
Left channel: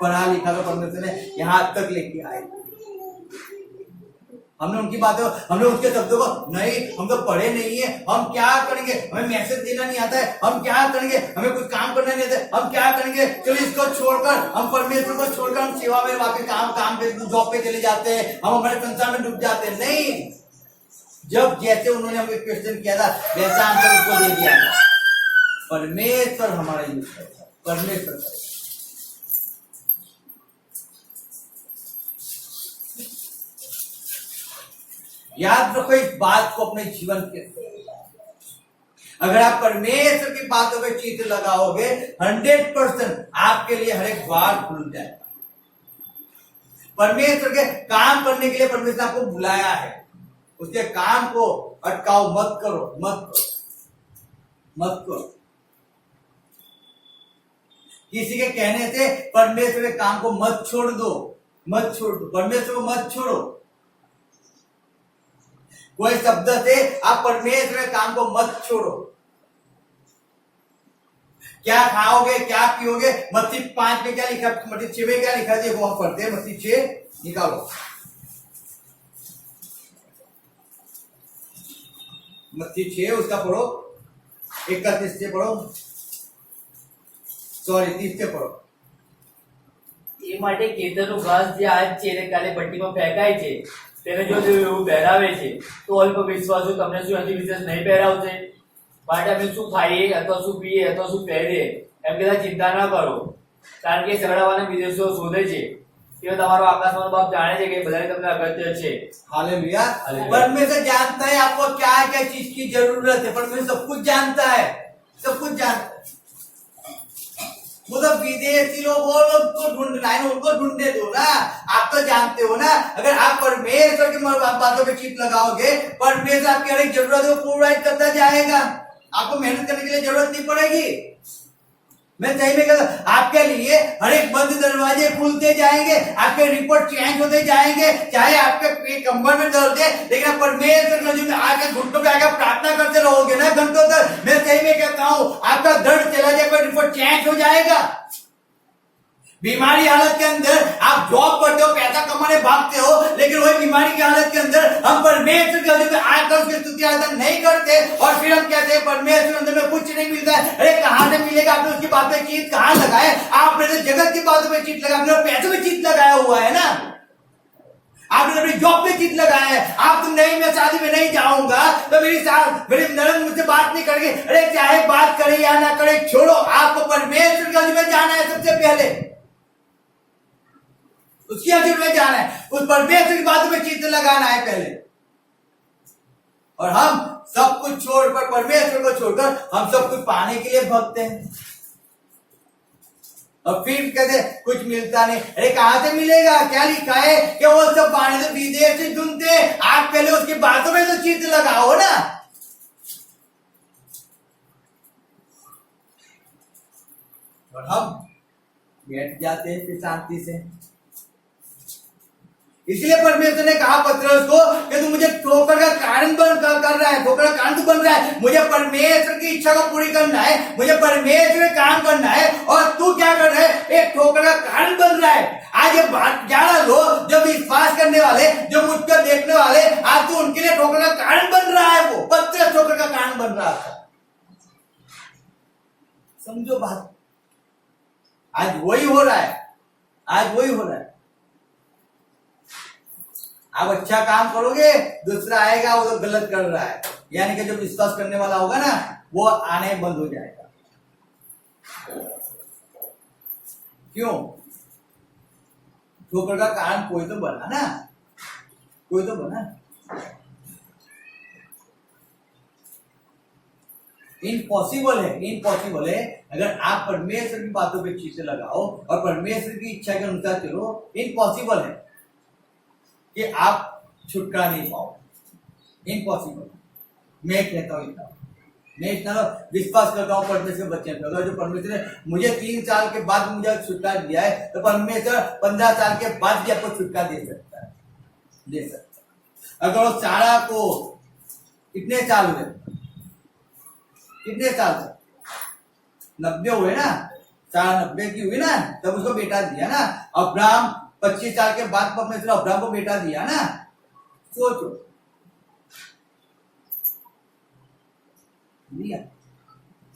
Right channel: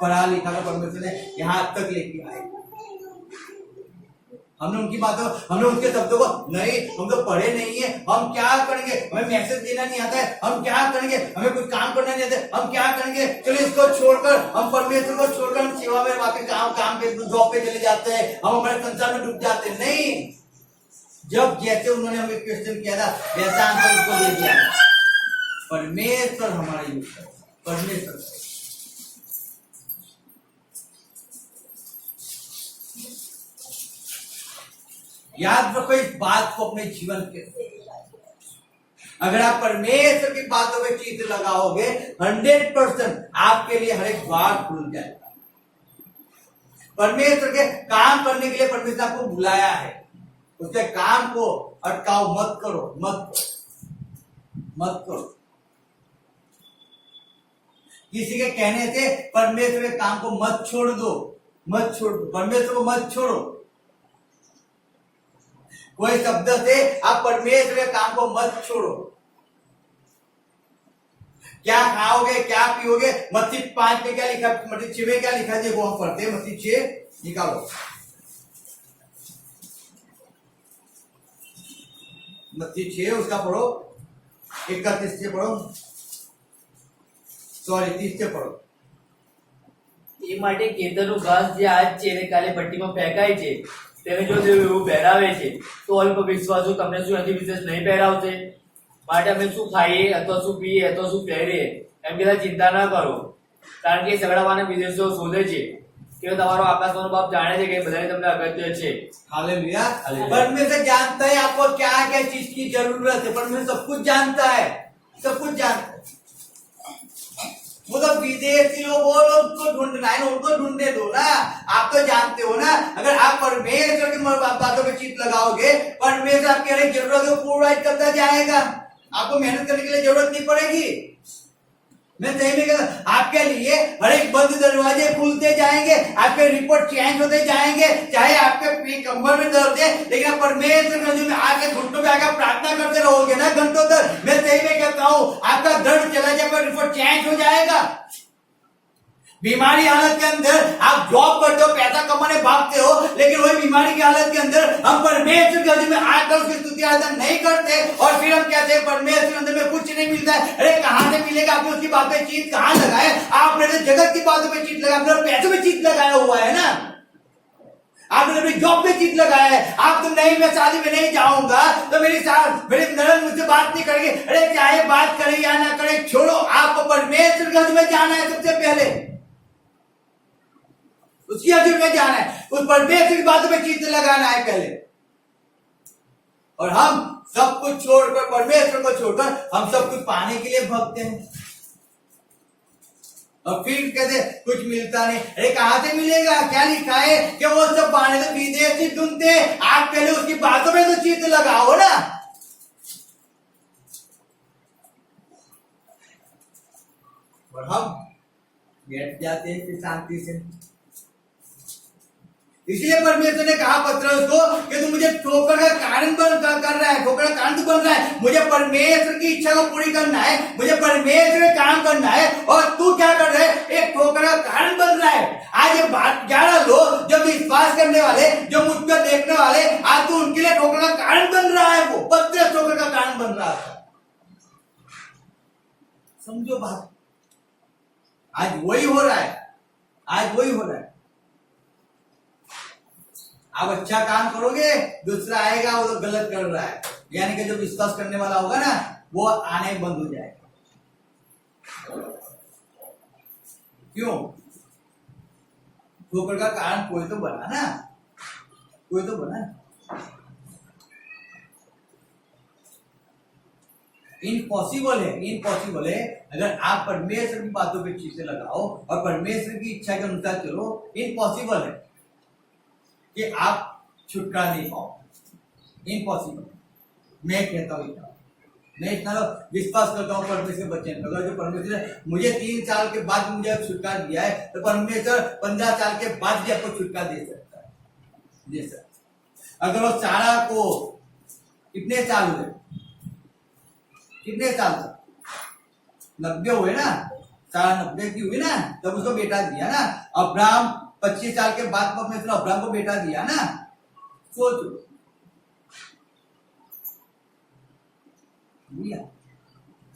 पढ़ा लिखा तो परमेश्वर ने यहाँ तक लेके आए। हमने उनकी बातों, हमने उनके शब्दों को नहीं, हम तो पढ़े नहीं है, हम क्या करेंगे, हमें मैसेज देना नहीं आता है, हम क्या करेंगे, हमें कुछ काम करना नहीं आता है, हम क्या करेंगे, चलिए इसको छोड़कर, हम परमेश्वर को छोड़कर हम सेवा में वापस काम पे जॉब पे चले जाते हैं, हम हमारे संसार में डूब जाते हैं। नहीं, जब जैसे उन्होंने हमें क्वेश्चन किया था वैसा आंसर उसको दे दिया। परमेश्वर हमारा यूज करता है, परमेश्वर। याद रखो इस बात को अपने जीवन के, अगर आप परमेश्वर की बातों पे चित्त लगाओगे 100% आपके लिए हर एक द्वार खुल जाएगा। परमेश्वर के काम करने के लिए परमेश्वर आपको बुलाया है, उसके काम को अटकाओ मत करो, मत करो, मत करो। किसी के कहने से परमेश्वर के काम को मत छोड़ दो, मत छोड़ दो, परमेश्वर को मत छोड़ो। कोई शब्द से आप परमेश्वर के काम को मत छोड़ो। क्या खाओगे, क्या पियोगे। मत्ती 5 में क्या लिखा, मत्ती 6 में क्या लिखा है, देखो हम पढ़ते हैं। मत्ती 6 निकालो, मत्ती 6 उसका पढ़ो, 31 से पढ़ो, सॉरी 30 से पढ़ो। એ માટે ખેતરનું ઘાસ જે આજ છે એને કાલે ભટ્ટીમાં ફેંકાય છે તેને જો એવું પહેરાવે છે તો અલ્પ વિશ્વાસુ તમને શું હજી વિશેષ નહીં પહેરાવશે। માટે અમે શું ખાઈએ અથવા શું પીએ અથવા શું પહેરીએ એમ કહેતા ચિંતા ના કરો, કારણ કે સગડાવાના વિદેશો શોધે છે કે તમારો આકાશનો બાપ જાણે છે કે બધાને તમને અગત્ય છે। हालेलुया। हालेलुया। परमेश्वर जानता है आपको क्या क्या चीज की जरूरत है। परमेश्वर सब कुछ जानता है, सब कुछ जानता है। वो तो विदेशी लोगों को ढूंढना है, उनको ढूंढने दो ना। आप तो जानते हो ना, अगर आप परमेश्वर की बातों पे चित लगाओगे, परमेश्वर आपकी हर एक जरूरत को पूरा करता जाएगा। आपको मेहनत करने के लिए जरूरत नहीं पड़ेगी। मैं सही में कहता, आपके लिए हर एक बंद दरवाजे खुलते जाएंगे, आपके रिपोर्ट चेंज होते जाएंगे। चाहे आपके कमर में दर्द है, लेकिन आप परमेश्वर में आके घुटनों पे आकर प्रार्थना करते रहोगे ना घंटों तक, मैं सही में कहता हूं आपका दर्द चला जाएगा, रिपोर्ट चेंज हो जाएगा। बीमारी हालत के अंदर आप जॉब करते हो, पैसा कमाने भागते हो, लेकिन वही बीमारी की हालत के अंदर हम परमेश्वर के अंदर में आकर उसकी स्तुति आराधना नहीं करते, और फिर हम कहते हैं परमेश्वर के अंदर में कुछ नहीं मिलता है। अरे कहां से मिलेगा? आपने उसकी बात पे चीज कहां लगाए? आपने तो जगत की बातों पे चीज लगाया, आपने पैसों पे चीज लगाया हुआ है ना, आपने अपनी जॉब पे चीज लगाया है। आप तो नहीं, मैं शादी में नहीं जाऊंगा तो मेरी ननद मुझसे बात नहीं करेगी। अरे चाहे बात करे या ना करे, छोड़ो, आपको परमेश्वर के अंदर में जाना है सबसे पहले, उसकी हजूर में जाना है, उस परमेश्वर की बातों पे चित्त लगाना है पहले। और हम सब कुछ छोड़कर, परमेश्वर को छोड़कर हम सब कुछ पाने के लिए भगते हैं, और फिर कहते कुछ मिलता नहीं। अरे कहां से मिलेगा? क्या लिखा है कि वो सब पाने तो विदेश से ढूंढते। आप पहले उसकी बातों में तो चित्त लगाओ ना। और हम बैठ जाते हैं शांति से। इसलिए परमेश्वर ने कहा पत्रस को कि तू मुझे ठोकर का कारण कर रहा है, ठोकर का कारण तू बन रहा है। मुझे परमेश्वर की इच्छा को पूरी करना है, मुझे परमेश्वर का काम करना है, और तू क्या कर रहा है? एक ठोकर का कारण बन रहा है। आज ये बात 11 लोग जो विश्वास करने वाले, जो मुझको देखने वाले, आज तू उनके लिए ठोकर का कारण बन रहा है। वो पत्रस ठोकर का कारण बन रहा था। समझो बात, आज वही हो रहा है, आज वही हो रहा है। आप अच्छा काम करोगे, दूसरा आएगा वो तो गलत कर रहा है, यानी कि जो विश्वास करने वाला होगा ना, वो आने बंद हो जाएगा। क्यों? ठोकर का कारण कोई तो बना ना, कोई तो बना। इम्पॉसिबल है, इम्पॉसिबल है। अगर आप परमेश्वर की बातों पे चीजें लगाओ और परमेश्वर की इच्छा के अनुसार चलो, इम्पॉसिबल है कि आप छुटकारा नहीं पाओ। इम्पॉसिबल। मैं कहता हूं इतना, मैं इतना विश्वास करता हूं परमेश्वर के बच्चे में। अगर जो परमेश्वर ने मुझे 3 साल के बाद मुझे छुटकारा दिया है, तो परमेश्वर 15 साल के बाद भी आपको छुटकारा दे सकता है, दे सकता है। अगर वो सारा को कितने साल हुए, कितने साल तक 90 हुए ना, सारा 90 की हुई ना, तब उसको बेटा दिया ना। अब्राहम 25 साल के बाद परमेश्वर अब्राहम को बेटा दिया ना। सोचो, दिया।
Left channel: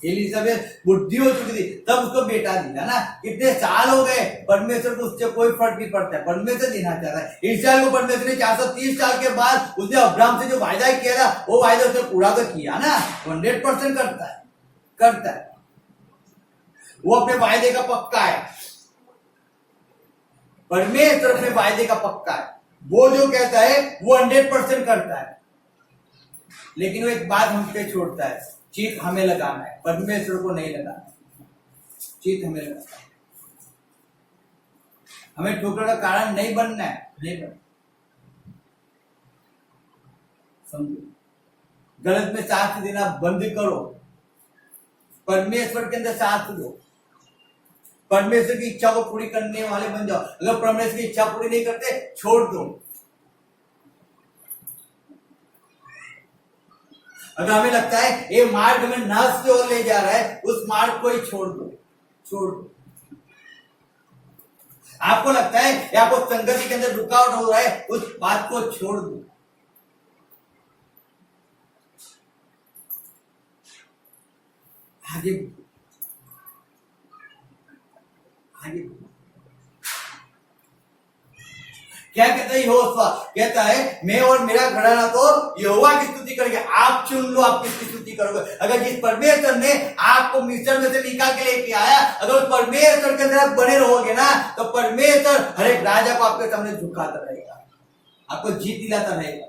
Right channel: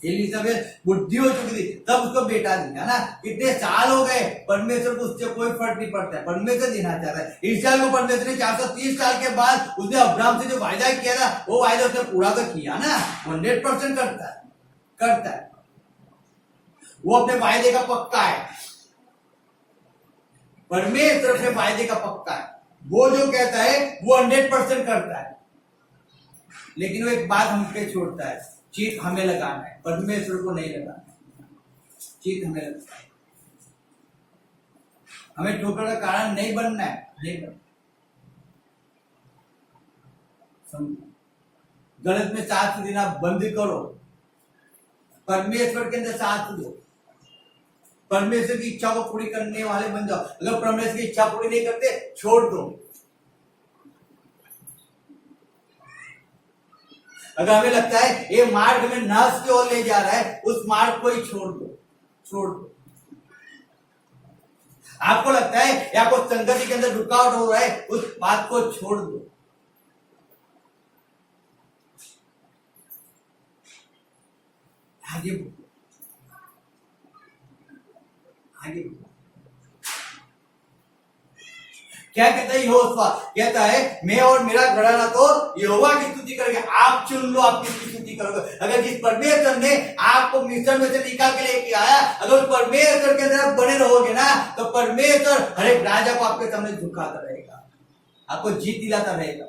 एलिजाबेथ बुद्धि हो चुकी थी, तब उसको बेटा दिया ना। कितने साल हो गए, परमेश्वर को उससे कोई फर्क नहीं पड़ता है, परमेश्वर देना चाह रहा है। इसराइल को परमेश्वर ने 430 साल के बाद उसने अब्राहम से जो वायदा किया था, वो वायदा उसने पूरा तो किया ना। 100% करता है, करता है। वो अपने वायदे का पक्का है, परमेश्वर अपने वायदे का पक्का है। वो जो कहता है वो 100% करता है। लेकिन वो एक बात हम पे छोड़ता है, चीट हमें लगाना है, परमेश्वर को नहीं लगाना। चीट हमें लगाना है, हमें ठोकर का कारण नहीं बनना है, नहीं बनना। समझो, गलत में साथ देना बंद करो, परमेश्वर के अंदर साथ दो, परमेश्वर की इच्छा को पूरी करने वाले बन जाओ। अगर परमेश्वर की इच्छा पूरी नहीं करते, छोड़ दो। अगर हमें लगता है ये मार्ग हमें नाश की ओर ले जा रहा है, उस मार्ग को ही छोड़ दो, छोड़ दो। आपको लगता है या आपको संगति के अंदर रुकावट हो रहा है, उस बात को छोड़ दो। आगे आगे क्या कहता है यहोशुआ? कहता है मैं और मेरा घराना तो यहोवा की स्तुति करेंगे। आप चुन लो, आप किसकी स्तुति करोगे। अगर जिस परमेश्वर ने आपको मिस्र में से निकाल के लेके आया, अगर उस परमेश्वर के अंदर आप बने रहोगे ना, तो परमेश्वर हर एक राजा को आपके सामने झुकाता रहेगा, आपको जीत दिलाता रहेगा।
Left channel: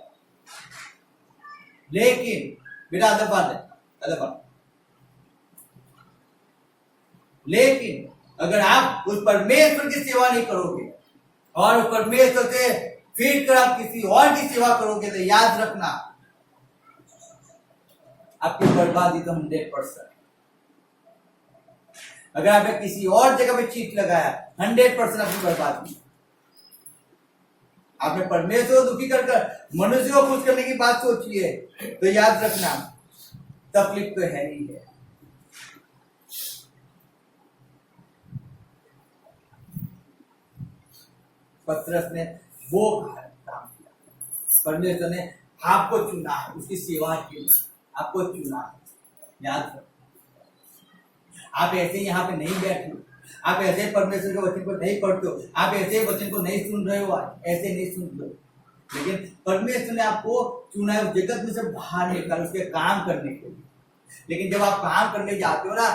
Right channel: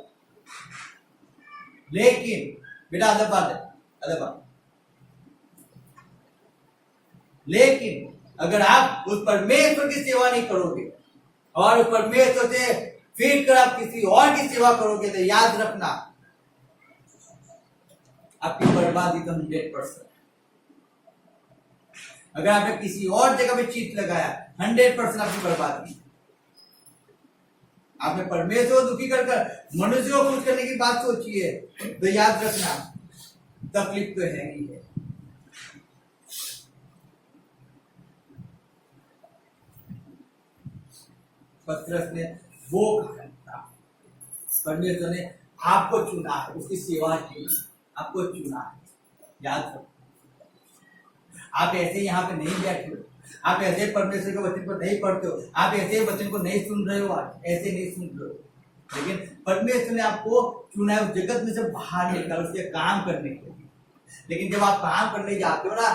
लेकिन बेटा अदब बात है, अदब बात, लेकिन अगर आप उस परमेश्वर की सेवा नहीं करोगे और उस परमेश्वर से फिर कर आप किसी और की सेवा करोगे, तो याद रखना आपकी बर्बादी तो 100%। अगर आपने किसी और जगह पे चीट लगाया, 100% आपकी बर्बादी। आपने परमेश्वर को दुखी कर मनुष्य को खुश करने की बात सोची है, तो याद रखना तकलीफ तो है ही है। पतरस ने वो कहा, परमेश्वर ने आपको चुना है उसकी सेवा के लिए, आपको चुना है। याद रखो, आप ऐसे यहाँ पे नहीं बैठे हो, आप ऐसे परमेश्वर के वचन को नहीं पढ़ते हो, आप ऐसे वचन को नहीं सुन रहे हो, ऐसे नहीं सुन रहे हो। लेकिन परमेश्वर ने आपको चुना है उस जगत में से बाहर निकाल उसके काम करने के लिए। लेकिन जब आप काम करने जाते हो ना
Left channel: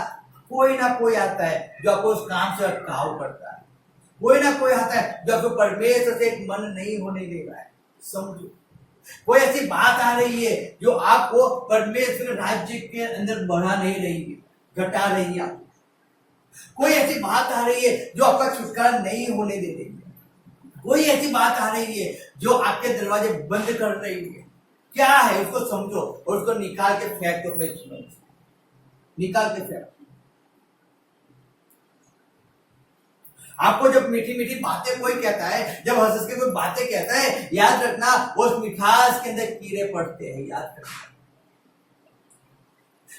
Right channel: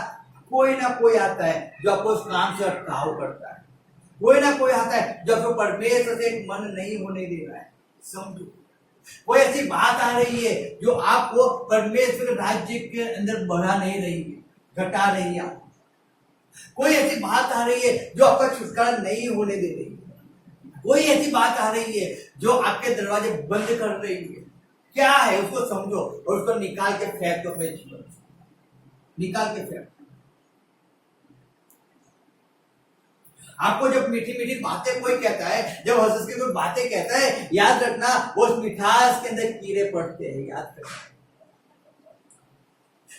कोई आता है जो आपको उस काम से अटकाव करता है, कोई ना कोई आता है जो आपको परमेश्वर से एक मन नहीं होने दे रहा है। समझो, कोई ऐसी बात आ रही है जो आपको परमेश्वर राज्य के अंदर बढ़ा नहीं रही है, घटा रही है। कोई ऐसी बात आ रही है जो आपका छुटकारा नहीं होने दे रही है। कोई ऐसी बात आ रही है जो आपके दरवाजे बंद कर रही है। क्या है उसको समझो और उसको निकाल के फेंक दो अपने जीवन से, निकाल के फेंक। आपको जब मीठी मीठी बातें कोई कहता है, जब हंस के कोई बातें कहता है, याद रखना वो उस मिठास के अंदर कीड़े पड़ते हैं। याद रखना,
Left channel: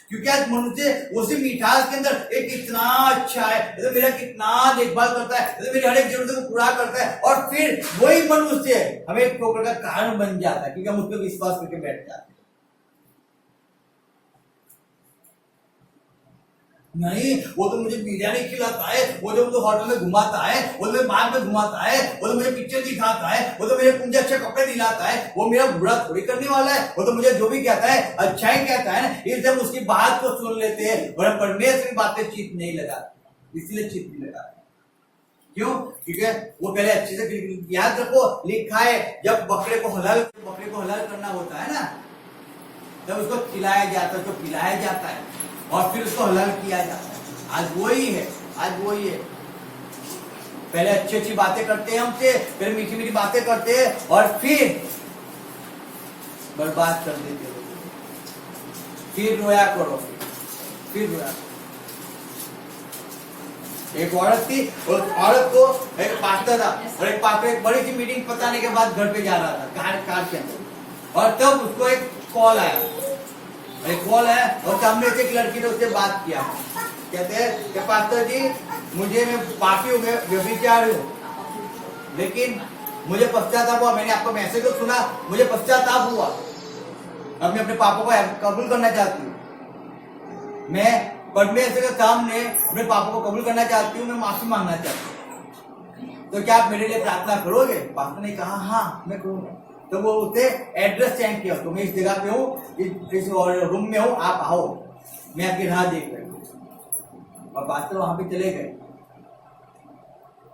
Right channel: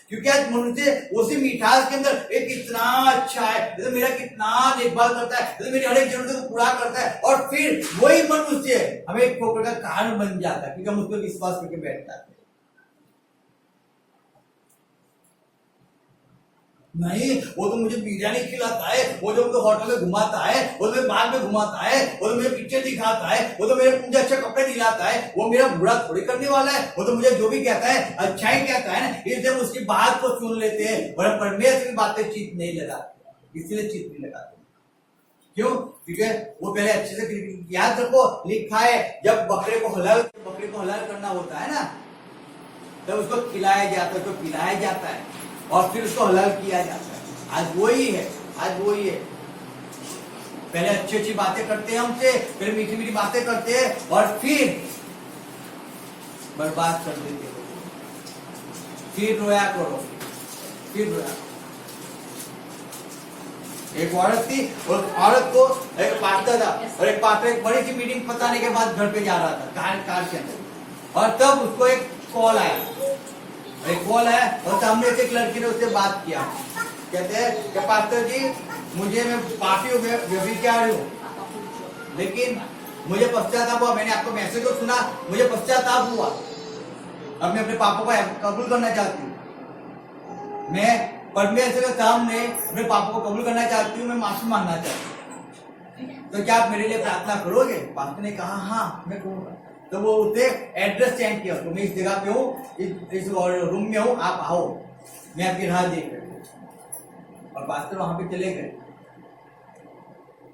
क्योंकि आज मनुष्य उसी मिठास के अंदर एक इतना अच्छा है, तो मेरा कितना देखभाल करता है, तो मेरी हर एक जरूरत को पूरा करता है, और फिर वही मनुष्य हमें एक ठोकर का कारण बन जाता है क्योंकि हम उस पर विश्वास करके बैठ जाते हैं। नहीं, वो तो मुझे बिरयानी खिलाता है, वो जो मुझे होटल में घुमाता है, वो तो मुझे बाग में घुमाता है, वो तो मुझे पिक्चर दिखाता है, वो तो मुझे अच्छे कपड़े दिलाता है, वो मेरा बुरा थोड़ी करने वाला है, वो तो मुझे जो भी कहता है अच्छा ही कहता है ना। इसलिए हम उसकी बात को सुन लेते हैं और हम परमेश्वर की बातें चित नहीं लगाते, इसलिए चित नहीं लगाते। क्यों? क्योंकि वो पहले अच्छे से, याद रखो लिखा है जब बकरे को हलाल करना होता है ना, तब उसको खिलाया जाता है, उसको पिलाया जाता है और फिर उसको हलाल किया जाता है। आज वही है, आज वही है। पहले अच्छी अच्छी बातें करते हैं हमसे, फिर मीठी मीठी बातें करते हैं और फिर बर्बाद कर देते हो, फिर रोया करो, फिर रोया। एक औरत थी और औरत को एक पास्टर था और एक पास्टर एक बड़ी सी मीटिंग बताने के बाद घर पे जा रहा था कार के अंदर, और तब उसको एक कॉल आया और सामने से एक लड़की ने उससे बात किया। कहते हैं कि पास्टर जी मैं पापी हूँ, मैं व्यभिचारी हूँ, लेकिन मुझे पश्चाताप हुआ, मैंने आपका मैसेज तो सुना, मुझे पश्चाताप हुआ, अब मैं अपने पापों को कबूल करना चाहती हूँ, मैं परमेश्वर के सामने अपने पापों को कबूल करना चाहती हूँ, मैं माफी मांगना चाहती हूँ, तो क्या आप मेरे लिए प्रार्थना करोगे? पास्टर ने कहा हाँ मैं करूँगा। तो वो उसे एड्रेस सेंड किया, तो मैं इस जगह पे हूँ, इस रूम में हूँ, आप आओ, मैं आपकी राह देख रही हूँ। और पास्टर वहां पे चले गए,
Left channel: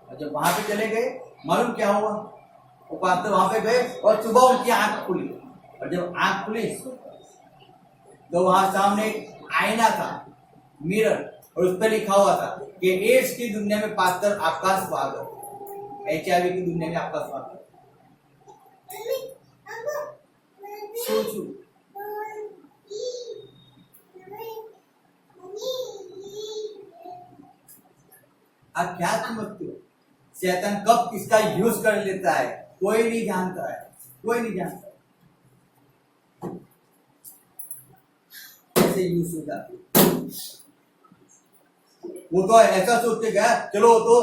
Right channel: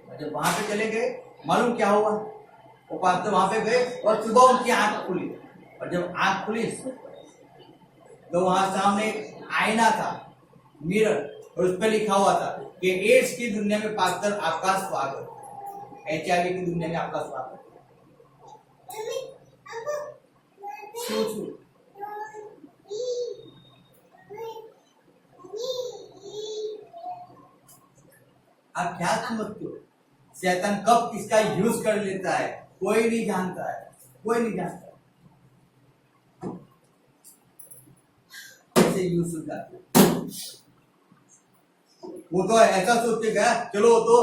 और जब वहां पे चले गए मालूम क्या हुआ? वो पास्टर वहां पे गए और सुबह उनकी आंख खुली, और जब आंख खुली तो वहां सामने एक आईना था, मिरर, और उस पर लिखा हुआ था कि एड्स की दुनिया में पास्टर आपका स्वागत, HIV की दुनिया में आपका स्वागत। सोचो, आप क्या समझते हो शैतान कब किसका यूज कर लेता है? कोई नहीं जानता है, कोई नहीं जानता। से यूज हो जाती है। वो तो ऐसा सोचते गया, चलो वो तो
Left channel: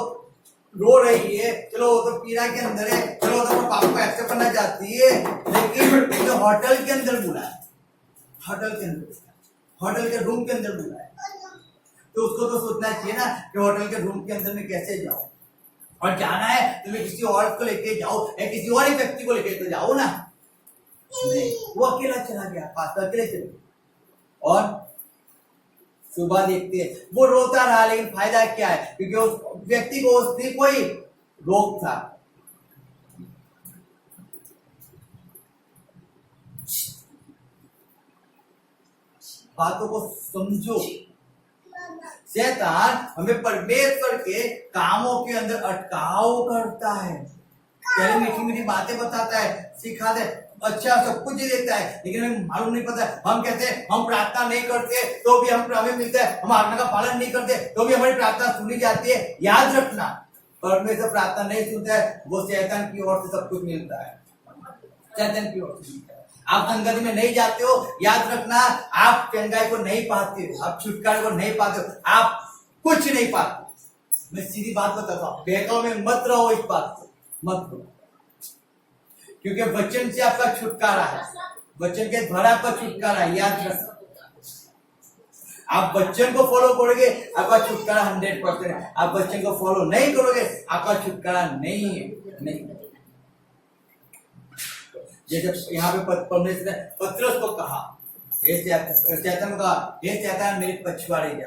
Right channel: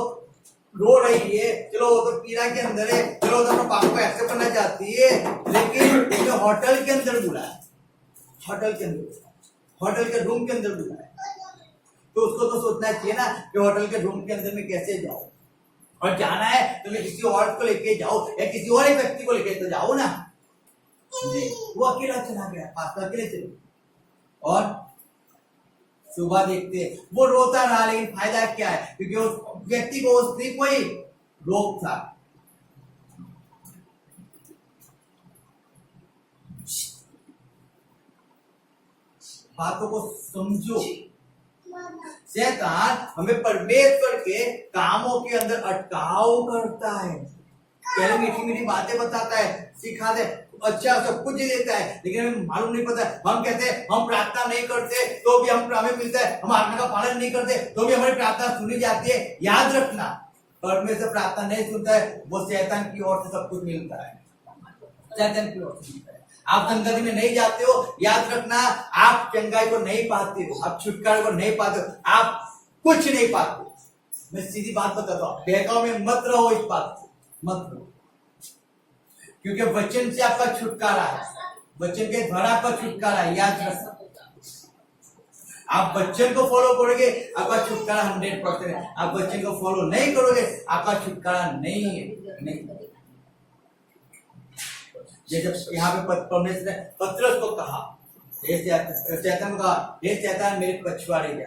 रो रही है, चलो वो तो पीड़ा के अंदर है, चलो वो तो अपने पापा को एक्सेप्ट करना चाहती है, लेकिन जो होटल के अंदर बुलाया, होटल के अंदर, होटल के रूम के अंदर बुलाया, तो उसको तो सोचना चाहिए ना कि होटल के रूम के अंदर में कैसे जाओ, और जाना है तो मैं किसी और को लेके जाओ या किसी और एक व्यक्ति को लेके तो जाओ ना। नहीं, वो अकेला चला गया, पास्टर अकेले चले गए। और सुबह देखते हैं वो रोता रहा, लेकिन फायदा क्या है, क्योंकि उस व्यक्ति को उसने कोई रोग था। बातों को समझो। शैतान हमें परमेश्वर के कामों के अंदर अटकाव करता है, पहले मीठी मीठी बातें बताता है, सिखाते है, अच्छा सब कुछ ही देता है, लेकिन हमें मालूम नहीं पता। हम कहते हैं हम प्रार्थना नहीं करते तो भी हमें मिलता है, हम आज्ञा का पालन नहीं करते तो भी हमारी प्रार्थना सुनी जाती है। याद रखना, परमेश्वर प्रार्थना नहीं सुनता है, वो शैतान की ओर से सब कुछ मिलता है, शैतान की ओर से मिलता है। आप संगति में नहीं जाते हो, याद रखना, आप चंगाई को नहीं पाते हो, आप छुटकारे को नहीं पाते हो, आप कुछ नहीं पाते। मैं सीधी बात बताता हूँ, बहकाव में मत रहो, इस बात को मत रहो, क्योंकि वचन से आपका छुटकारा है, वचन के द्वारा आपका छुटकारा है। याद रखना, आप वचन को फॉलो करोगे आपका छुटकारा 100% है, आप वचन को फॉलो नहीं करोगे आपका छुटकारा नहीं है। नहीं, जैसे यहाँ पे परमेश्वर ने पतरस को कहा, शैतान को कहा, हे शैतान मेरे पछवाड़े जा।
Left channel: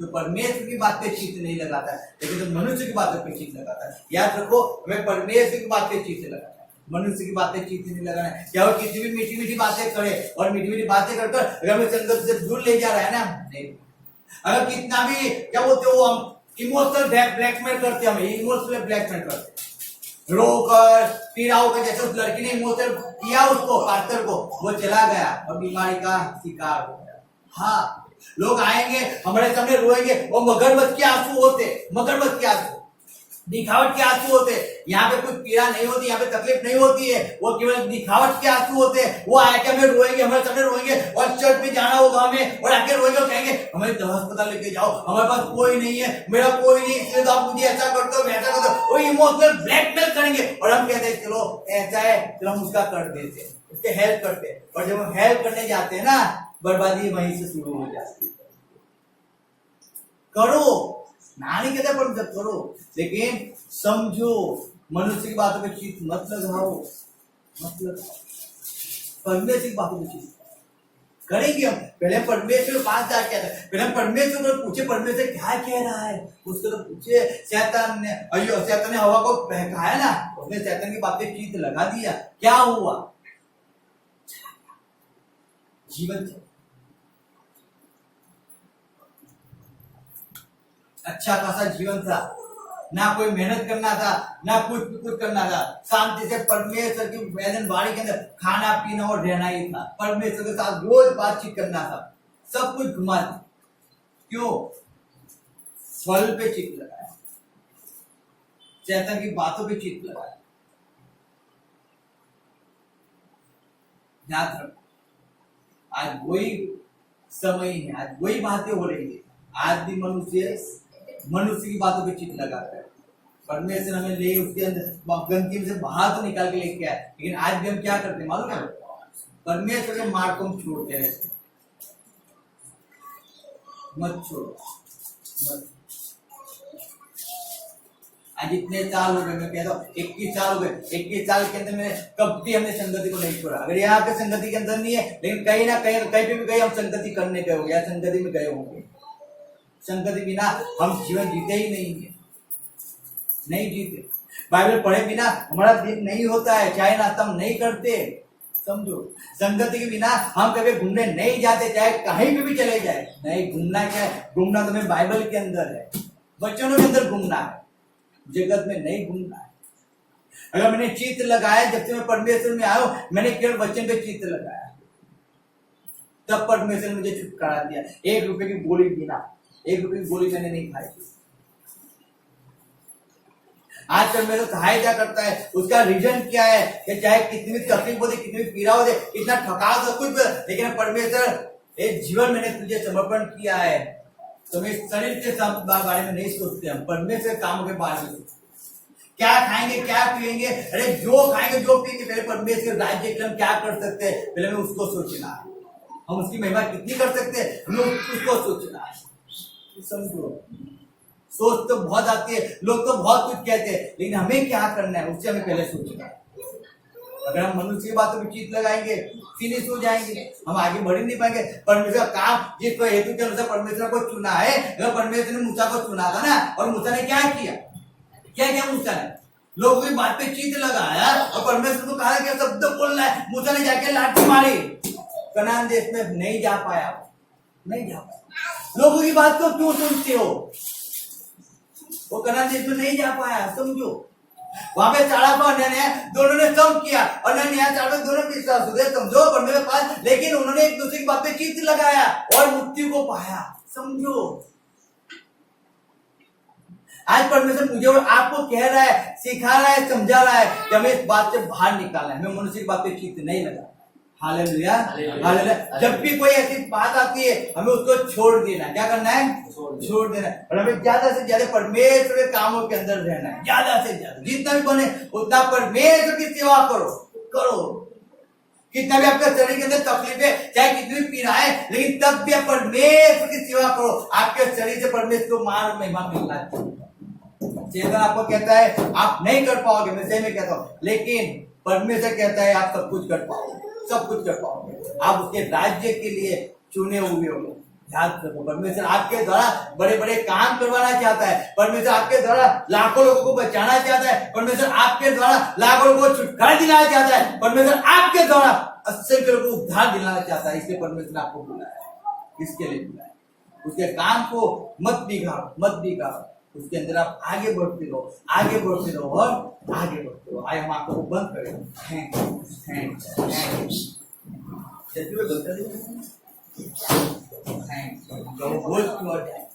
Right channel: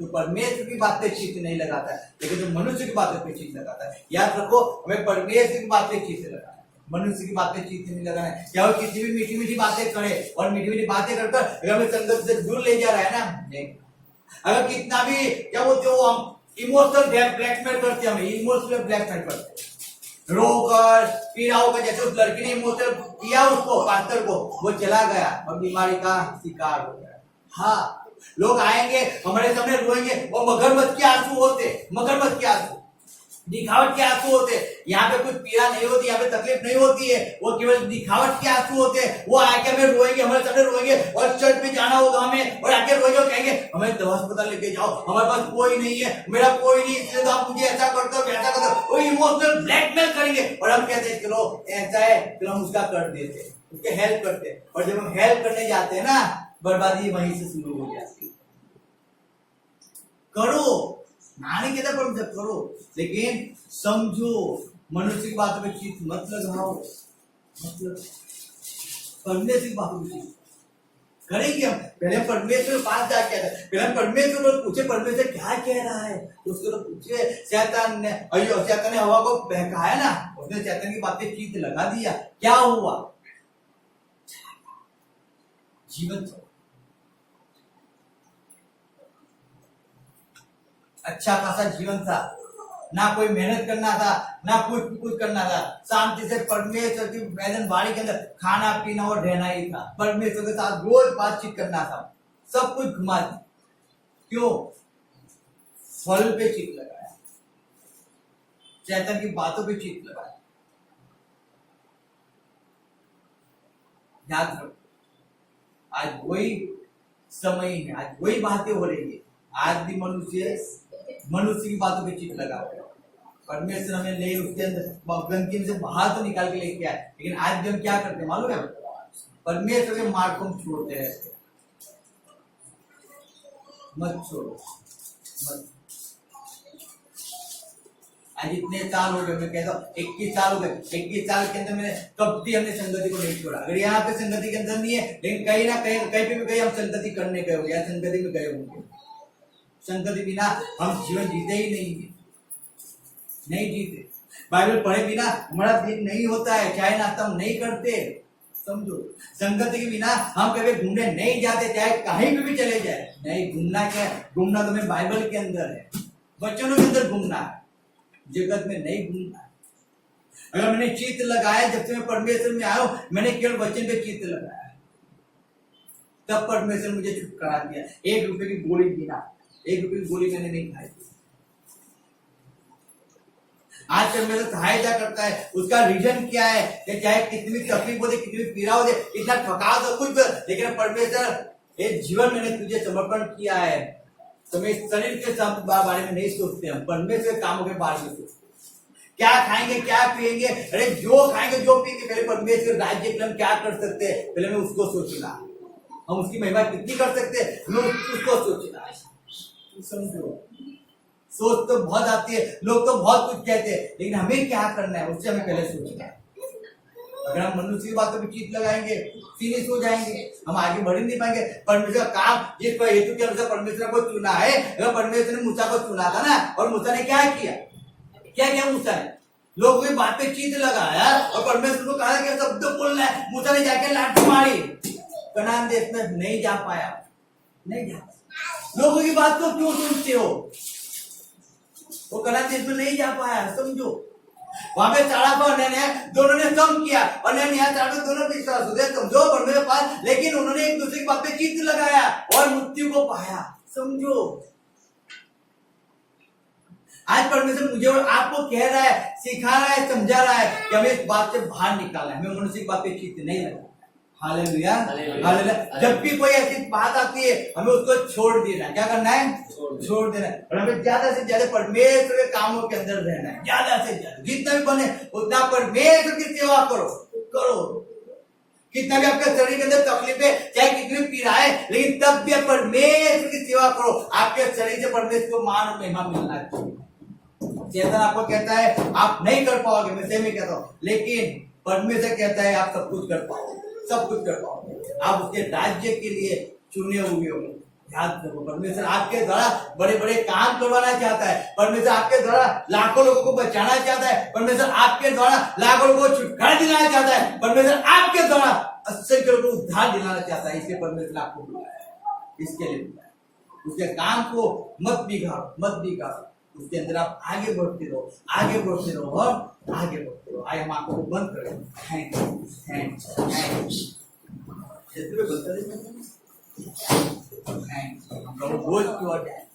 तो परमेश्वर की बात पे चित्त नहीं लगाता है, लेकिन जो मनुष्य की बातों पे चित्त लगाता है। याद रखो, हमें परमेश्वर की बात पे चित्त लगाना है, मनुष्य की बातें चित्त नहीं लगाना है। क्या वो किसी भी मीठी मीठी बातें करे और मीठी मीठी बातें कर अगर हमें संगत से दूर ले जा रहा है ना, नहीं। अगर कितना भी क्या बोलते हो, हम इमोशनल ब्लैकमेल करते, हम इमोशनल ब्लैकमेल करते, रोकर पीड़ा होकर, जैसे उस लड़की ने इमोशनल किया उसको, पास्टर को, वो चला गया और बीमारी का शिकार हो गया। हाँ, लोग आएंगे हमारे सामने रोएंगे, वो मगरमच्छ के आंसू होते, मगरमच्छ के आंसू, दिखावट के आंसू होते। यहाँ पे कुछ पीड़ा नहीं होती, यहाँ पे तकलीफ नहीं होती है, वो केवल दिखावट के आंसू होते। वो आके हमें रोएंगे, हमारे सामने रोएंगे, और चर्च में जाना होगा हमें, और आके रोएंगे और कहेंगे हमें दवा अस्पताल लेके जाओ, हमारे पास कोई नहीं है, मेरा कोई नहीं, इसलिए तो आप मुझे ऐसा करते हो, वैसा करते हो। वो इमोशनल ब्लैकमेल करेंगे और हम कहते हैं चलो ऐसा है, चलो हम उसका कर देते, उसके हेल्प करते। और जब हम हेल्प करने जाते हैं ना, बर्बादी वहीं से शुरू हो जाती है। करो, ना नहीं कहता पर करो, लेकिन समझो, मनुष्य की बातों पे चित्त मत लगाओ, मत लगाओ, परमेश्वर की बातों पे चित्त करेंगे। हम पहले परमेश्वर के पास जाके आते, पहले परमेश्वर को पूछे परमेश्वर क्या कह रहा है, उसको तो पूछे। शैतान ने हवा को बहकाया ना, उसने शैतान की बातें चित्त लगा दिया, क्या हुआ, जीवन अच्छा खासा जीवन था, ना कोई मेहनत करना था, ना कुछ करना था, शांति से परमेश्वर की वैधन बाड़ी के अंदर खाना पीना और रहना ही था, परमेश्वर के साथ रोज बातचीत करना था, सब कुछ घुमा दी। क्यों? फल पे चित्त लगाया, शैतान की बातों पे चित्त लगाया। याद रखो, आज वही समय है, आज वही बातें हो रही है। आज भी मनुष्य की बातों पे चित्त लगाता है। परमेश्वर हमें ले उसके अंदर गंदगी से बाहर तो निकाल के लेके आए, लेकिन आज भी हम क्या करते हैं मालूम है? परमेश्वर के मार्ग को हम छोड़ते रहते। मत छोड़ो, मत। आज इतने साल हो गए, मैं कहता हूँ 21 साल हो गए, 21 साल के अंदर मैंने कभी हमने संगति को नहीं छोड़ा। अगर यहाँ पे संगति के अंदर नहीं है, लेकिन कहीं ना कहीं पे भी कहीं हम संगति करने गए होंगे या संगति में गए होंगे। संगति बिना हम जीवन जीते ही नहीं है, नहीं जीते। बाइबल पढ़े बिना हमारा दिन नहीं होता है, चाहे नाश्ता हम नहीं करते। समझो, संगति के बिना हम कभी घूमने नहीं जाते, चाहे कहीं पे भी चले जाए। नहीं, घूमना क्या है? घूमना तो मैं बाइबल के अंदर है, वचनों के अंदर घूमना है, जगत में नहीं घूमना है। अगर मैंने चित्त लगाया, जब से मैं परमेश्वर में आया हूं, मैंने केवल वचन पे चित्त लगाया, तब परमेश्वर मुझे छुटकारा दिया। 1 रुपए की गोली बिना, 1 रुपए की गोली मैंने नहीं खाई थी। आज तक मेरे खाया जा करता है, उसका रीजन क्या है कि चाहे कितनी भी तकलीफ होती, कितनी भी पीड़ा होती, कितना थकान हो, कुछ, लेकिन परमेश्वर एक जीवन मैंने तुझे समर्पण किया है। तो मैं शरीर के बारे में नहीं सोचते, हम परमेश्वर के कामों के बारे में सोचते। क्या खाएंगे, क्या पिएंगे, अरे जो खाएंगे जो पिएंगे, पहले परमेश्वर राज्य के लिए हम क्या कर सकते हैं, पहले हमें उसको सोचना है। हम उसकी महिमा कितनी कर सकते हैं, हमें उसको सोचना है। समझो, सोच तो बहुत आती है, लोग तो बहुत कुछ कहते हैं, लेकिन हमें क्या करना है उससे हमें पहले सोचना है। अगर हम मनुष्य की बातों पर चीत लगाएंगे, फिनिश हो जाएंगे, हम आगे बढ़ ही नहीं पाएंगे। परमेश्वर का काम जिस पर हेतु के अनुसार परमेश्वर को चुना है, अगर परमेश्वर ने मूसा को चुना था ना, और मूसा ने क्या किया, क्या किया मूसा ने, लोगों की बात पे चीत लगाया और परमेश्वर को कहा कि शब्द बोल रहा है। मूसा ने जाके लाठी मारी, कनान देश में नहीं जा पाया, नहीं जा पाया। लोगों की बात को क्यों सुनते हो, वो कनान देश में नहीं जा पाया। समझो, वहां पे 400 अन्याय दोनों ने कम किया और न्याय 400 दोनों विश्वास हुए, समझो परमेश्वर पास, लेकिन उन्होंने एक दूसरे की बात पे चीत लगाया और मृत्यु को पाया। समझो, आज परमेश्वर मुझे और आपको कह रहा है, सिखा रहा है, समझा रहा है कि हमें इस बात से बाहर निकालना है, हमें मनुष्य की बात पे चीत नहीं लगाना है। Hallelujah, hallelujah. जब भी कोई ऐसी बात आती है, हमें उसको छोड़ देना है। क्या करना है, छोड़ देना है। और हमें ज्यादा से ज्यादा परमेश्वर के कामों के अंदर रहना है, ज्यादा से ज्यादा, जितना भी बने उतना परमेश्वर की सेवा करो, करो। कितना भी आपके शरीर के अंदर तकलीफ है, चाहे कितनी भी पीड़ा है, लेकिन तब भी आप परमेश्वर की सेवा करो। आपके शरीर से परमेश्वर को मान और महिमा मिलना चाहिए। चेतन आपको कहता है आप नहीं कर पाओगे, मैं सही में कहता हूँ, लेकिन परमेश्वर कहता है आप सब कुछ कर पाओगे, सब कुछ कर पाओगे। आप उसके राज्य के लिए चुने हुए हो। याद रखो, परमेश्वर आपके द्वारा बड़े बड़े काम करवाना चाहता है। परमेश्वर आपके द्वारा लाखों लोगों को बचाना चाहता है। परमेश्वर आपके द्वारा लाखों लोगों को छुटकारा दिलाना चाहता है। परमेश्वर आपके द्वारा असंख्य लोगों को उद्धार दिलाना चाहता है। इसलिए परमेश्वर आपको बुलाया है, इसके लिए बुलाया है। उसके काम को मत बिगाड़ो, मत बिगाड़ो। उसके अंदर आप आगे बढ़ते रहो, आगे बढ़ते रहो और आगे बढ़ते रहो। आइए हम आपको बंद करें। Thank you, thank you, thank you. बंद कर दें। Thank you.